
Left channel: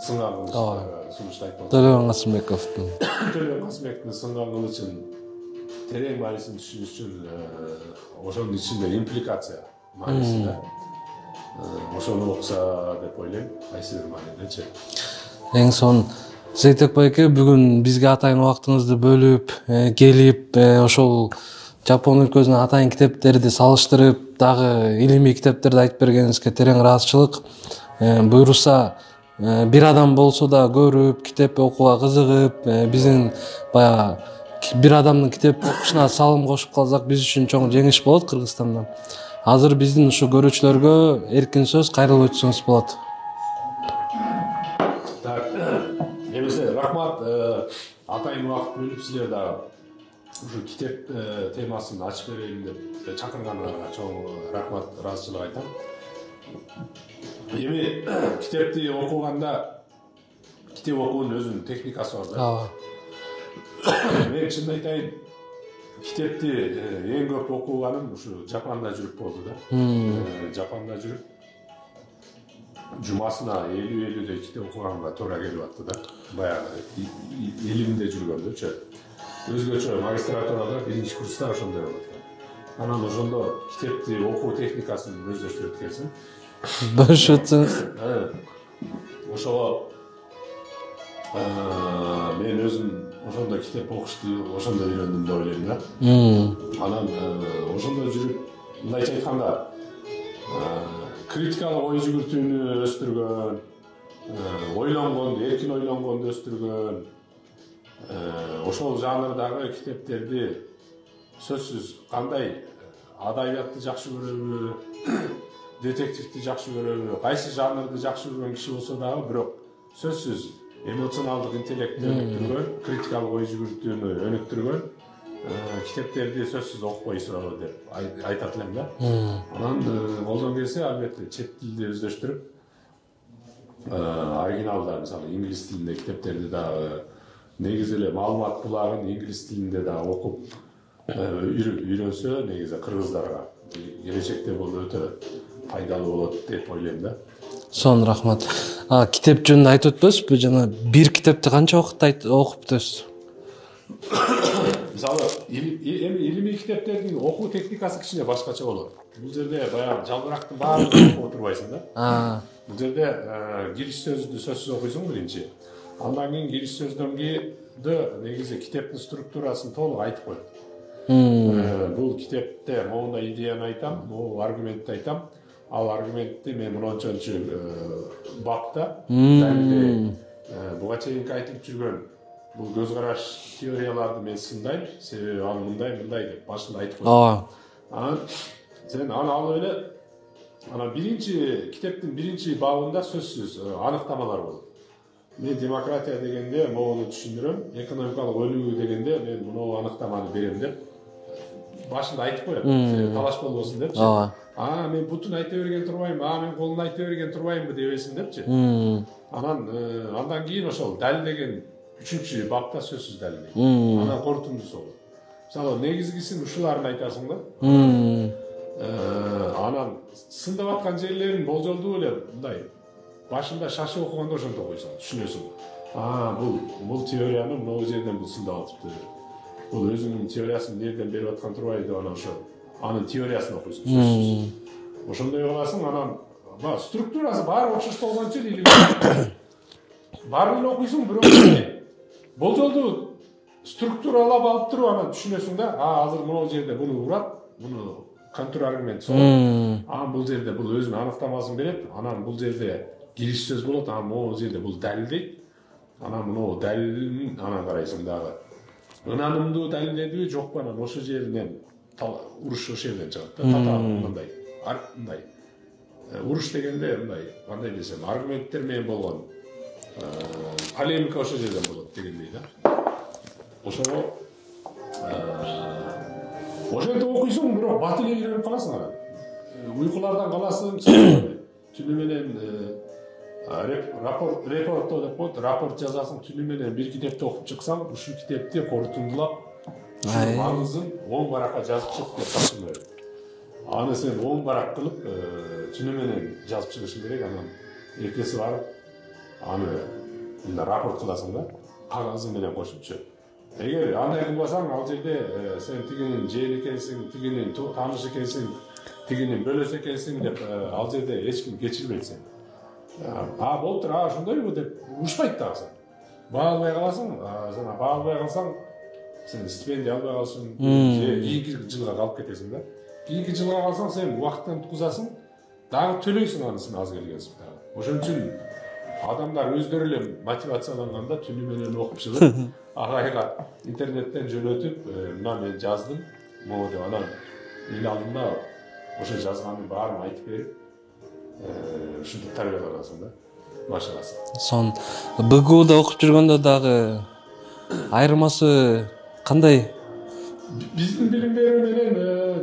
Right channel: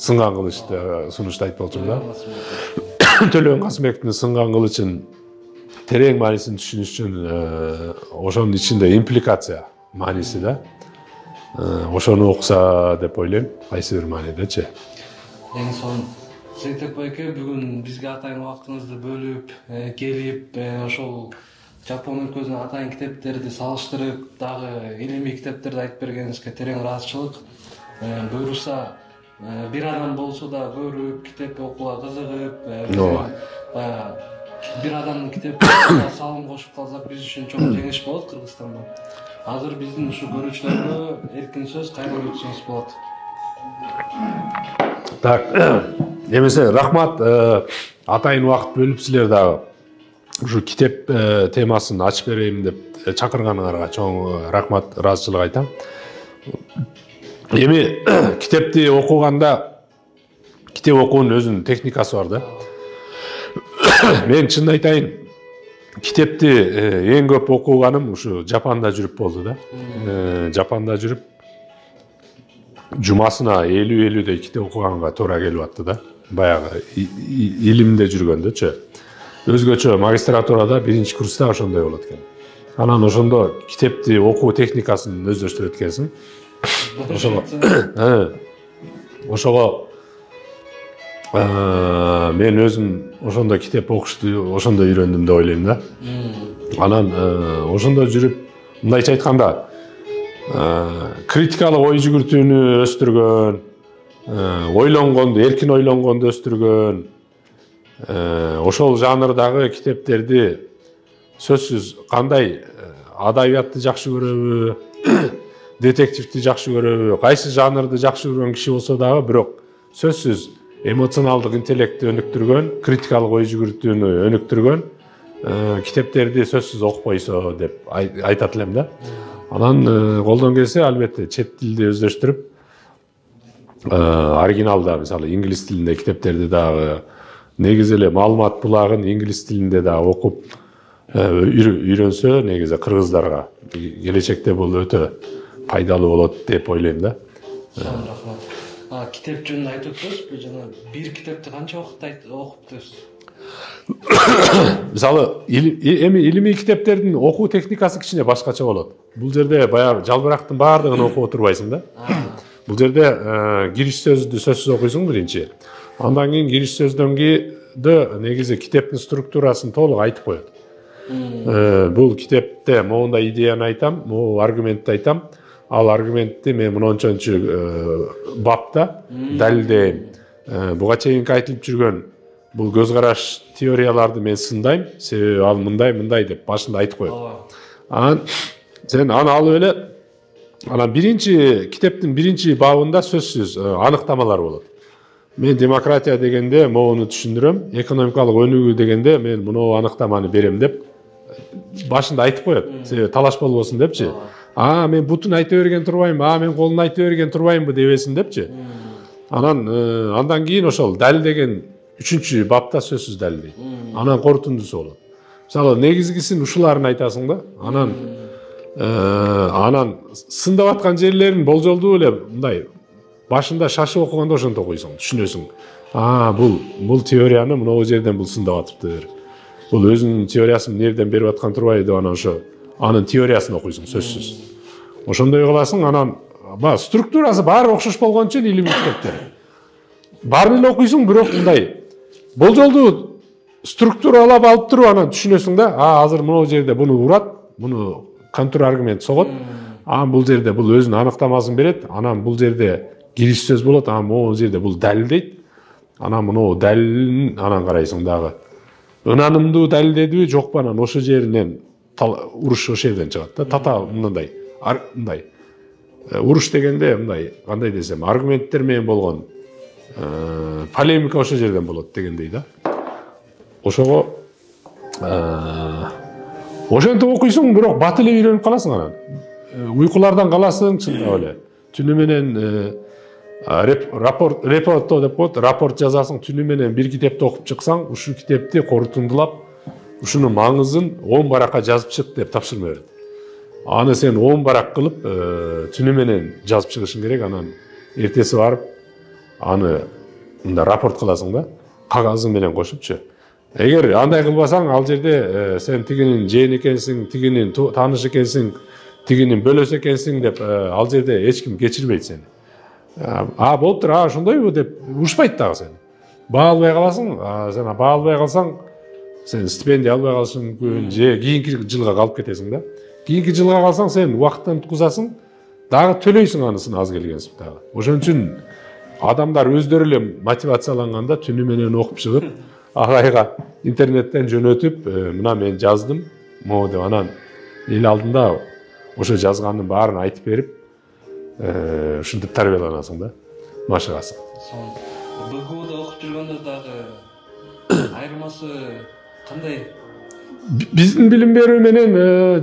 Сынган кылычты сунушту айтып болчу. Төлөн Касымбековдун Сынган кылычын терең маанисин түшүнүш үчүн ошонун ичинде импликация мааниси да. Ошону окуса деп ойлойм, кайсы бир маанидечи. Эң сонун. Зейтек байке, бүгүн бизге атайын убактыңызды бөлүп, келип, ошол Жапон өлкөсүнүн атайын китептерди салыштырып, дагы илимий китептерди айтып бергениңизге терең ыраазычылык. Буйруса, бир адам болсо да көрүп, китеп окууга кызыгып, биздин баягы бир адамдын китеп окушуна салым кошуп калсак, биз үчүн чоң жеңиш болот Кыргызстанда. Азыр биздин ушу көрүүчүлөргө эркин сөз кайрылып өтсөңүз болот. Так, эмесе рахмат, атайын убакыт бөлүп силер дагы ушу китеп темасын ачып берейин деп чакырганыңарга чоң рахмат, ыраазычылык айтам. Эми китепти окуганда китеп окуунун өзүнүн техникасы бар да. Мен чын айтайын, китепти эң көп окуганым ушу Жапанда жүрүп болду да. Жапанда жүрүп жумасына 50-50 китеп окуганга туура келип атты да. Баягы илимде жүргөндөчү. Өзгөчө магистратурада биринчи курста ошондой болот экен. Анан ошондо китепти окуу техникасын өздөштүрөт экенсиң. Бөлүшөтсүң. Ошого мен өзүм ошондо китеп окушту ошондо үйрөндүм деп ойлойм да. Анан ошондо жүрүп, мындайча айтканда, критикалык ой жүгүртүүнү өстүргөн, ойлонгонду, эркин ойлонгонду өстүргөн, ошол жанрдагы китептерди сөзсүз кандай адабиятты жакшы көрөбү, детективди жакшы көрөбү, кайсы жанрды жакшы көргөн киши болсо дагы, бирок сөзсүз эмоционалдык интеллектти өнүктүргөн, критикалык ой жүгүртүүнү өнүктүргөн китептерди сөзсүз окупойсо деп айтат элем да. Анан колдон келсе албетте чет тилди өздөштүрүп, оригиналда мисалы инглиз тилинде китептерди дагы негизи эле маалымат булагын инглиз тилинде дагы окуп үйрөнсө, негизи кыргыздарга келечекте бул өтө пайдалуу болот деп ойлойм да. Сонун рахмат. Китеп жөнүндө айтып өтпөсүзбү? Жана бир китепти канча убакытта окуп бүтөсүз? Мисалы, эми илимий китептердин окуу техникасы кичине башкача болот. Бул жерде баягы жалбырактын баардыгын окуп отурбайсың да. Бул жерде кириш сөздү сөзсүз окуйсуң биринчи. Андан кийин кириш сөздөн кийин негизи китептин структурасын толук айтып коет. Бул китепте моундай идеяны айтам, могу аргументти айтам. Ал аргументти мен мынчанчы бапта далилдейм. Буга чейинки айтылып жүргөн бул көз караш теорияларды мен сындайм, себеби ал мындай деп башында айтып коет. Анан сен аны алып эле, анан биринчи китептин биринчи бабында сөзсүз аныктамалар болот. Мен демократия дегенде могуну түшүндүрөм, экономикалык өнүгүү дегенде мен муну аныктаманы берем деп башында айтып коет. Себеби талаш болбосун депчи. Мен бутун айта берген турбаймынбы, мен колун айта берген турбаймынбы дебесин депчи. Анан андан кийин ошол далилдеген 3-чү бапта сөзсүз далилдейт. Анан корутундусу болот. Мисалы негизгисин ушуларын айтасың да. Анан сындап аткан жерлерин болжолдуу эле мындай башында шашып окуганда ошентип окуйсуң, түшүнөсүң. Бул теорияны мынау жерден бул сындап атыптыр. Бул өзүнүн теориясын эмнеден берип аткан турбайбы деп анан ошо анын теориясын окуйсуң сөзсүз. Ошондой кыласың, анан структурасы баары окшош болгон үчүн илимдүү. Баарын эле окуйсуң, бирок мындай болжолдуу структуралап алып туруп анан түшүнөсүң да, азыр мынау жерде буну урат, буну контр аргумент согот. Бул жерде бул өзүнүн аныктамасын берет, анан бул жерде кириш сөз болот, могу жерде бул далилдейт. Анан муну далилин анан карайсың дагы. Ынанымдуу далилдедиби, жокпу, анан ошо жеринен уруш ошол жерден чыгат да. Татаал мындай. Уруш дегенде мындай, кандай десем, аргументтер менен болгон полемика ошол жерден болот дегендей да. Ошого ошентип окуйсуң, бирок бат эле үйрөнүп каласың анан. Уйкулардан каласың, чыгып эле. Түнү менен рапорт деп коет, рапорт жазасың, түнү менен бир китепти окуп чыксаң, ушул китепти корутундулап, ушунун маңызын 10 баракка жазып чык деп тапшырма берет. Аны сен 10 барак кылып, түнү менен жазып чыгышың керек, анан эртеси барып аны мында рапорт кыласың да, кагазың менен кошупчу. Эгер андай кылбасаң, ал жерде сен тигинин жээн экенсиң, тигинин тааныш экенсиң, тигинин бөлөсү экенсиң деп ал жерде эч ким кечирбейт сени. Болуптур, ошондойбу деп урушпайт дагы сен. Баа албай каласың, сен баа албай калсаң, сен стипендия албай калышың мүмкүн, же кийинки жылга калып кетесиң да. Кийинки жылга калсаң, сен убакыттан уткузасың, дагы төлөйсүң анысын аз келгенсип дагы. Ошон үчүн адамдар өздөрү эле мотивацияланганда түнү менен окуп чыгып, агайга интернеттен жөнөтүп, мына мен жаздым, могу деп анан эл алдында ошо жазганын баарын айтып берип, ушинтип тарбияланасың да, машыгасың. Сон БГУда окуп жүргөндө дагы айырмасы кандай? Биздин билим берүү менен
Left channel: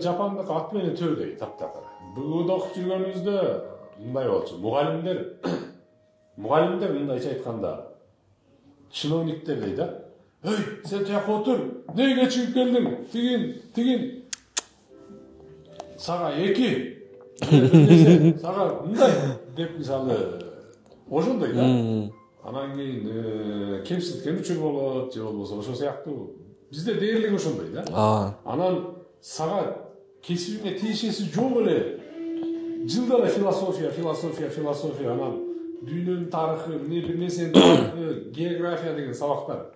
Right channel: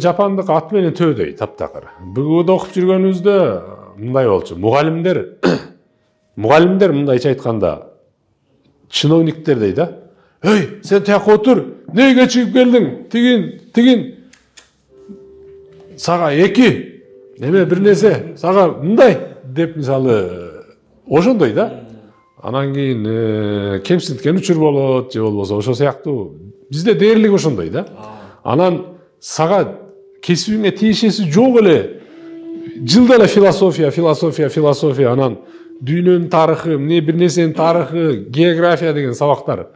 жапандык ат менен төөдөй таптакыр. БГУда окуп жүргөнүбүздө мындай болчу. Мугалимдер мындайча айтканда чиновниктер дей да. Эй, сен тияка отур, эмнеге кечигип келдиң? Тигин сага 2 эме бир нерсе, сага мындай деп мисалы ошондой да. Анан кийин кемсинткен учур болот, же болбосо ошол сыяктуу. Бизде дээрлик ошондой да. Анан сага кесибиңе тиешеси жок эле. Жылда эле философия, анан дүйнөнүн тарыхы, эмне бир нерсенин тарыхы, география деген сабактар.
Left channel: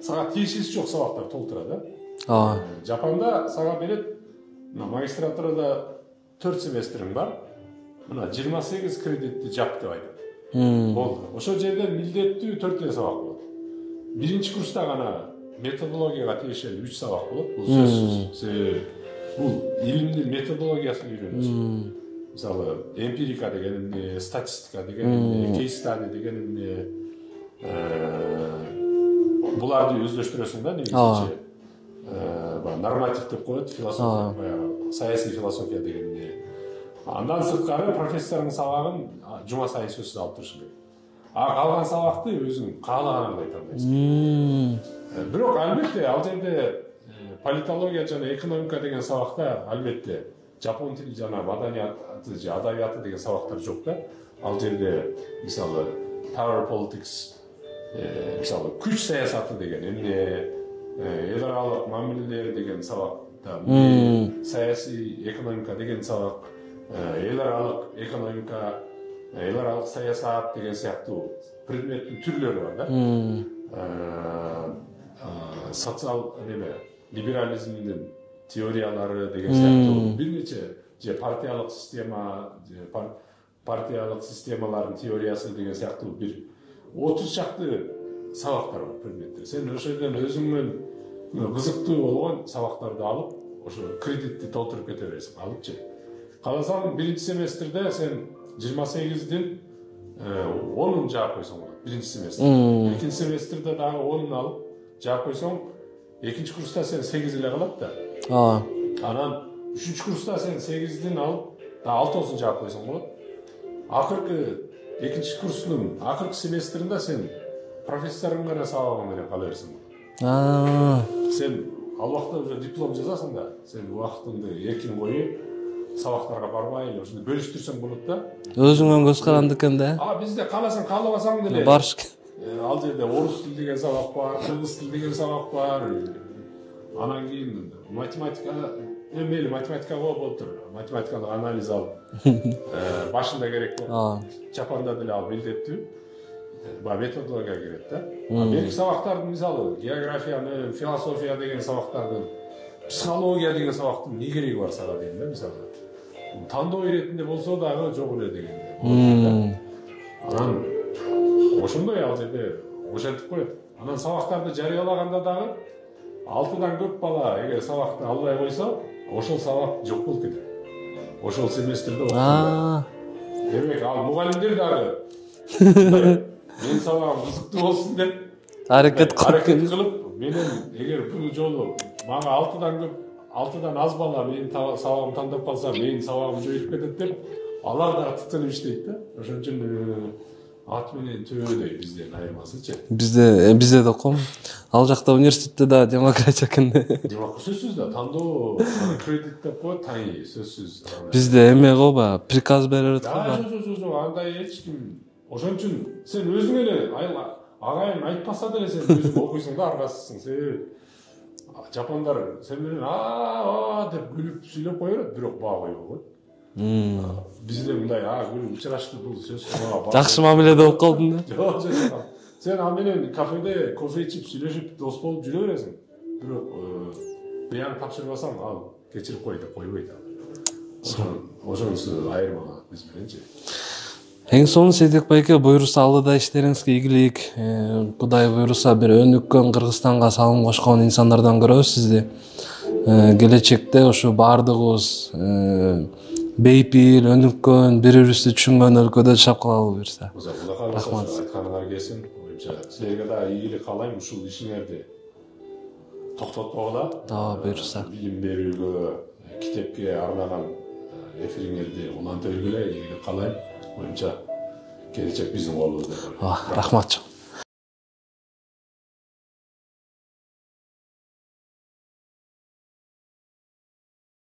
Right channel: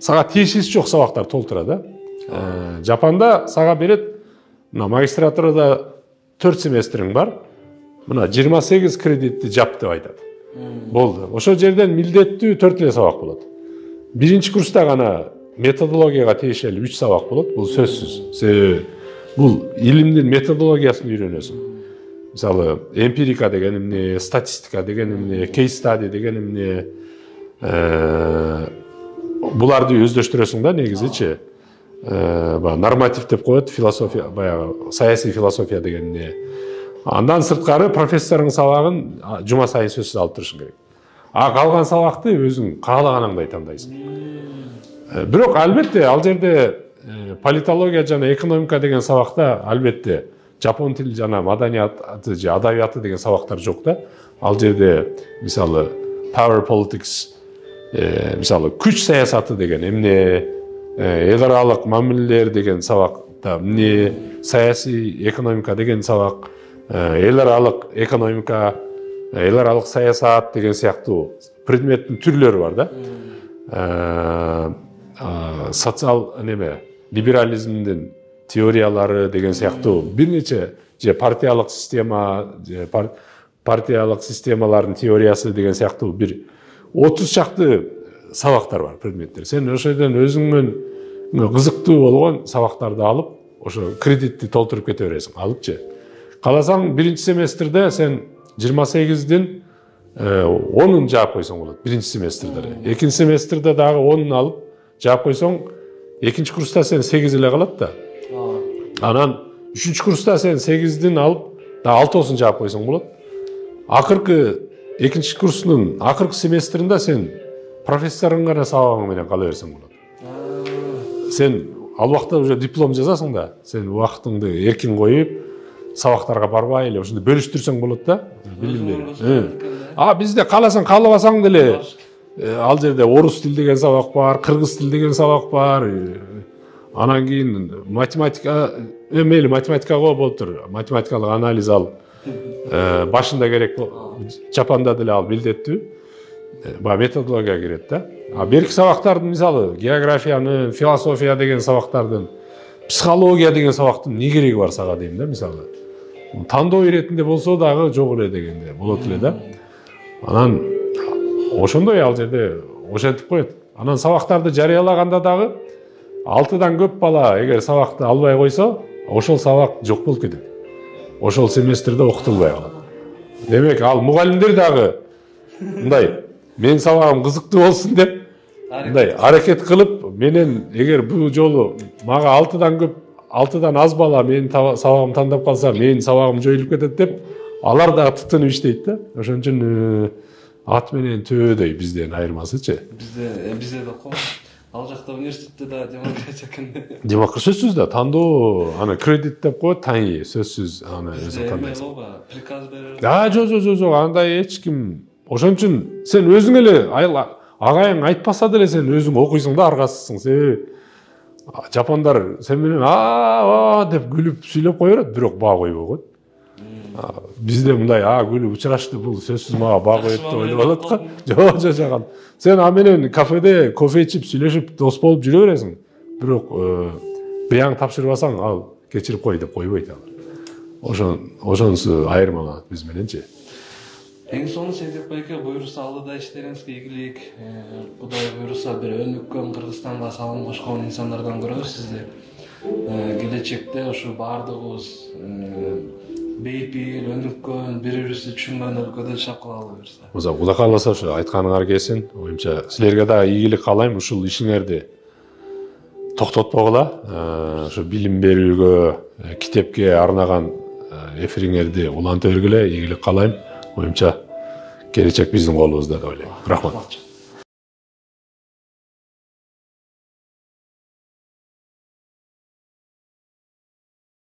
Сага тиешеси жок сабактар толтура да. Жапанда сага берет, мына магистратурада 4 семестриң бар. Мына 28 кредитти жап деп айтат. Болду. Ошол жерден милдеттүү 4 эле сабак болот. Биринчи курста гана методологияга тиешелүү 3 сабак болот. Бул сөзсүз. Себеби бул илимдин методологиясын үйрөнөсүң. Мисалы, эмпирика деген эмне, статистика деген эмне, кейс стади деген эмне, буларды өздөштүрөсүң да негизичи. Норматив деп коет, философия, баягы саясий философия деген эмне. Андан сырткары профессордун сабагын жума сайын сөзсүз алып турушуң керек. Калган сабакты өзүң каалаганыңдай тандайсың. Бирок албетте ал жерде политология жана экономика деген сабакта албетте жапон тили жана маданияты же адабияты деген сабактар жок да. Ал жерде мисалы power politics, мисалы күч саясаты деген эмне, эл аралык мамилелер деген сабакта эмне, саясий экономика деген сабак, эл аралык экономика, эл аралык саясат деген сыяктуу предметтин түрлөрү бар да. Социал неме, либерализмдин теориялары деген сыяктуу бир нече же партиялык система, партиялык системалардын теориясы деген сыяктуу бир 30 чакты сабактар бар, предметтер. Сен ошодон өзүңдүн кызыктуу болгон сабактарды алып, ошо кредитти толтуруп кете бересиң, алыпчы. Кааласаң, биринчи семестрде сен 28ден 10-ун жаап койсоң болот, биринчи семестрде. Экинчи семестрде дагы 10-ун алып жаап койсоң, экинчи курста сен 8 эле калат да. Анан үчүнчү курста сен 8ден алып, да 6-осын жаап койсоң болот. Акыркы экинчи курстун акыркы семестринде сен профессордун гана сабагың менен кала берсең болот. Сен ал убакта уже диплом жазасың да, сен убактыңды эркин коюп, сабактарга барбай эле ошондой бөлүштүрсөң болот да. Өзүңөн көз каранды экен да. Бизде кааласаң, каалабасаң деле ал жерде орус тил деген сабак бар, кыргыз тил деген сабак бар. Анан кийин математика, мейли математикага болуптур. Математикалык анализ ал башында керек болот. Жапанда деле ал билдеттүү. Методология кирет да. Берки сабактардын, мисалы, географиянын, философия деген сабактардын, психология деген сабактын не кереги бар сага дейм да, мисалы. Тандоо иретинде болсо дагы жок эле дегенде болот эле да. Анан ошондой ал жерде ошентип коет. Анан сабактарды жарыялаганда дагы 6-дан көп бала эгер сабакты албай койсо, ошол сабак жок болуп кетет. Ошол семестрде окутулбай калат. Демек, ал мугалимдер дагы мындай, менин сабагым кызыктуу болсун деп аракет кылып, менен эгер бул жолу мага 6-дан көп, 6-дан аз бала менин сабагымды тандап калса, менин сабагым жоюлуп кетет деп, алар дагы тытынып иштейт да. Ошон үчүн ат менен төбөдөй бизден айырмасычы. Бизде да ком. Ал жакта университетте да демократия экен. Демократия сөзсүз да, тандоо, ана кредит деп коет, таңи сөзсүз. Бизде эме гоба, приказ берет. Жок, андай эч ким. Ошон үчүн сен өзүң эле агайың айтпаса деле сен өзүң окуйсуң да, аргасызсың. Сен жапондар сен менен деп күлүп сүйлөп кое берет, бирок баа койбой коет. Бизде мындай күлүп учурашты, бул сөзсүз мага баа. Жакшы мамиледе болуп калдың. Жок. Сен а менен кафеде кофе ичип, сүйлөшүп, дос болуп жүрө бересиң. Бирок бияң тапшырбасаң, ал кечирип кой деп койбойт ал. Ошонусу айырмаланат биз мененчи. Эң сонун Сейдек байке, буйруса алдыда иштериңизге ийгилик. Кудай буйруса бир өнүккөн Кыргызстанга салым кошкон инсандардан көрөбүз сизди. Келечекте ушу баардыгыбыз бейпил, өнүккөн, бири-бирибизди түшүнгөн өлкөдө жашап калалы буюрса. Кудай кааласа ушу айтканыңар келсин. Оюмча силерге да ийгилик каалайм, ушул ишиңерди токтотпогула. Ушу билим берүүгө, китепке арнаган эфириңерди уланта бергиле, ийгилик каалайм. Оюмча келечек биздин колубузда деп ойлойм. Рахмат.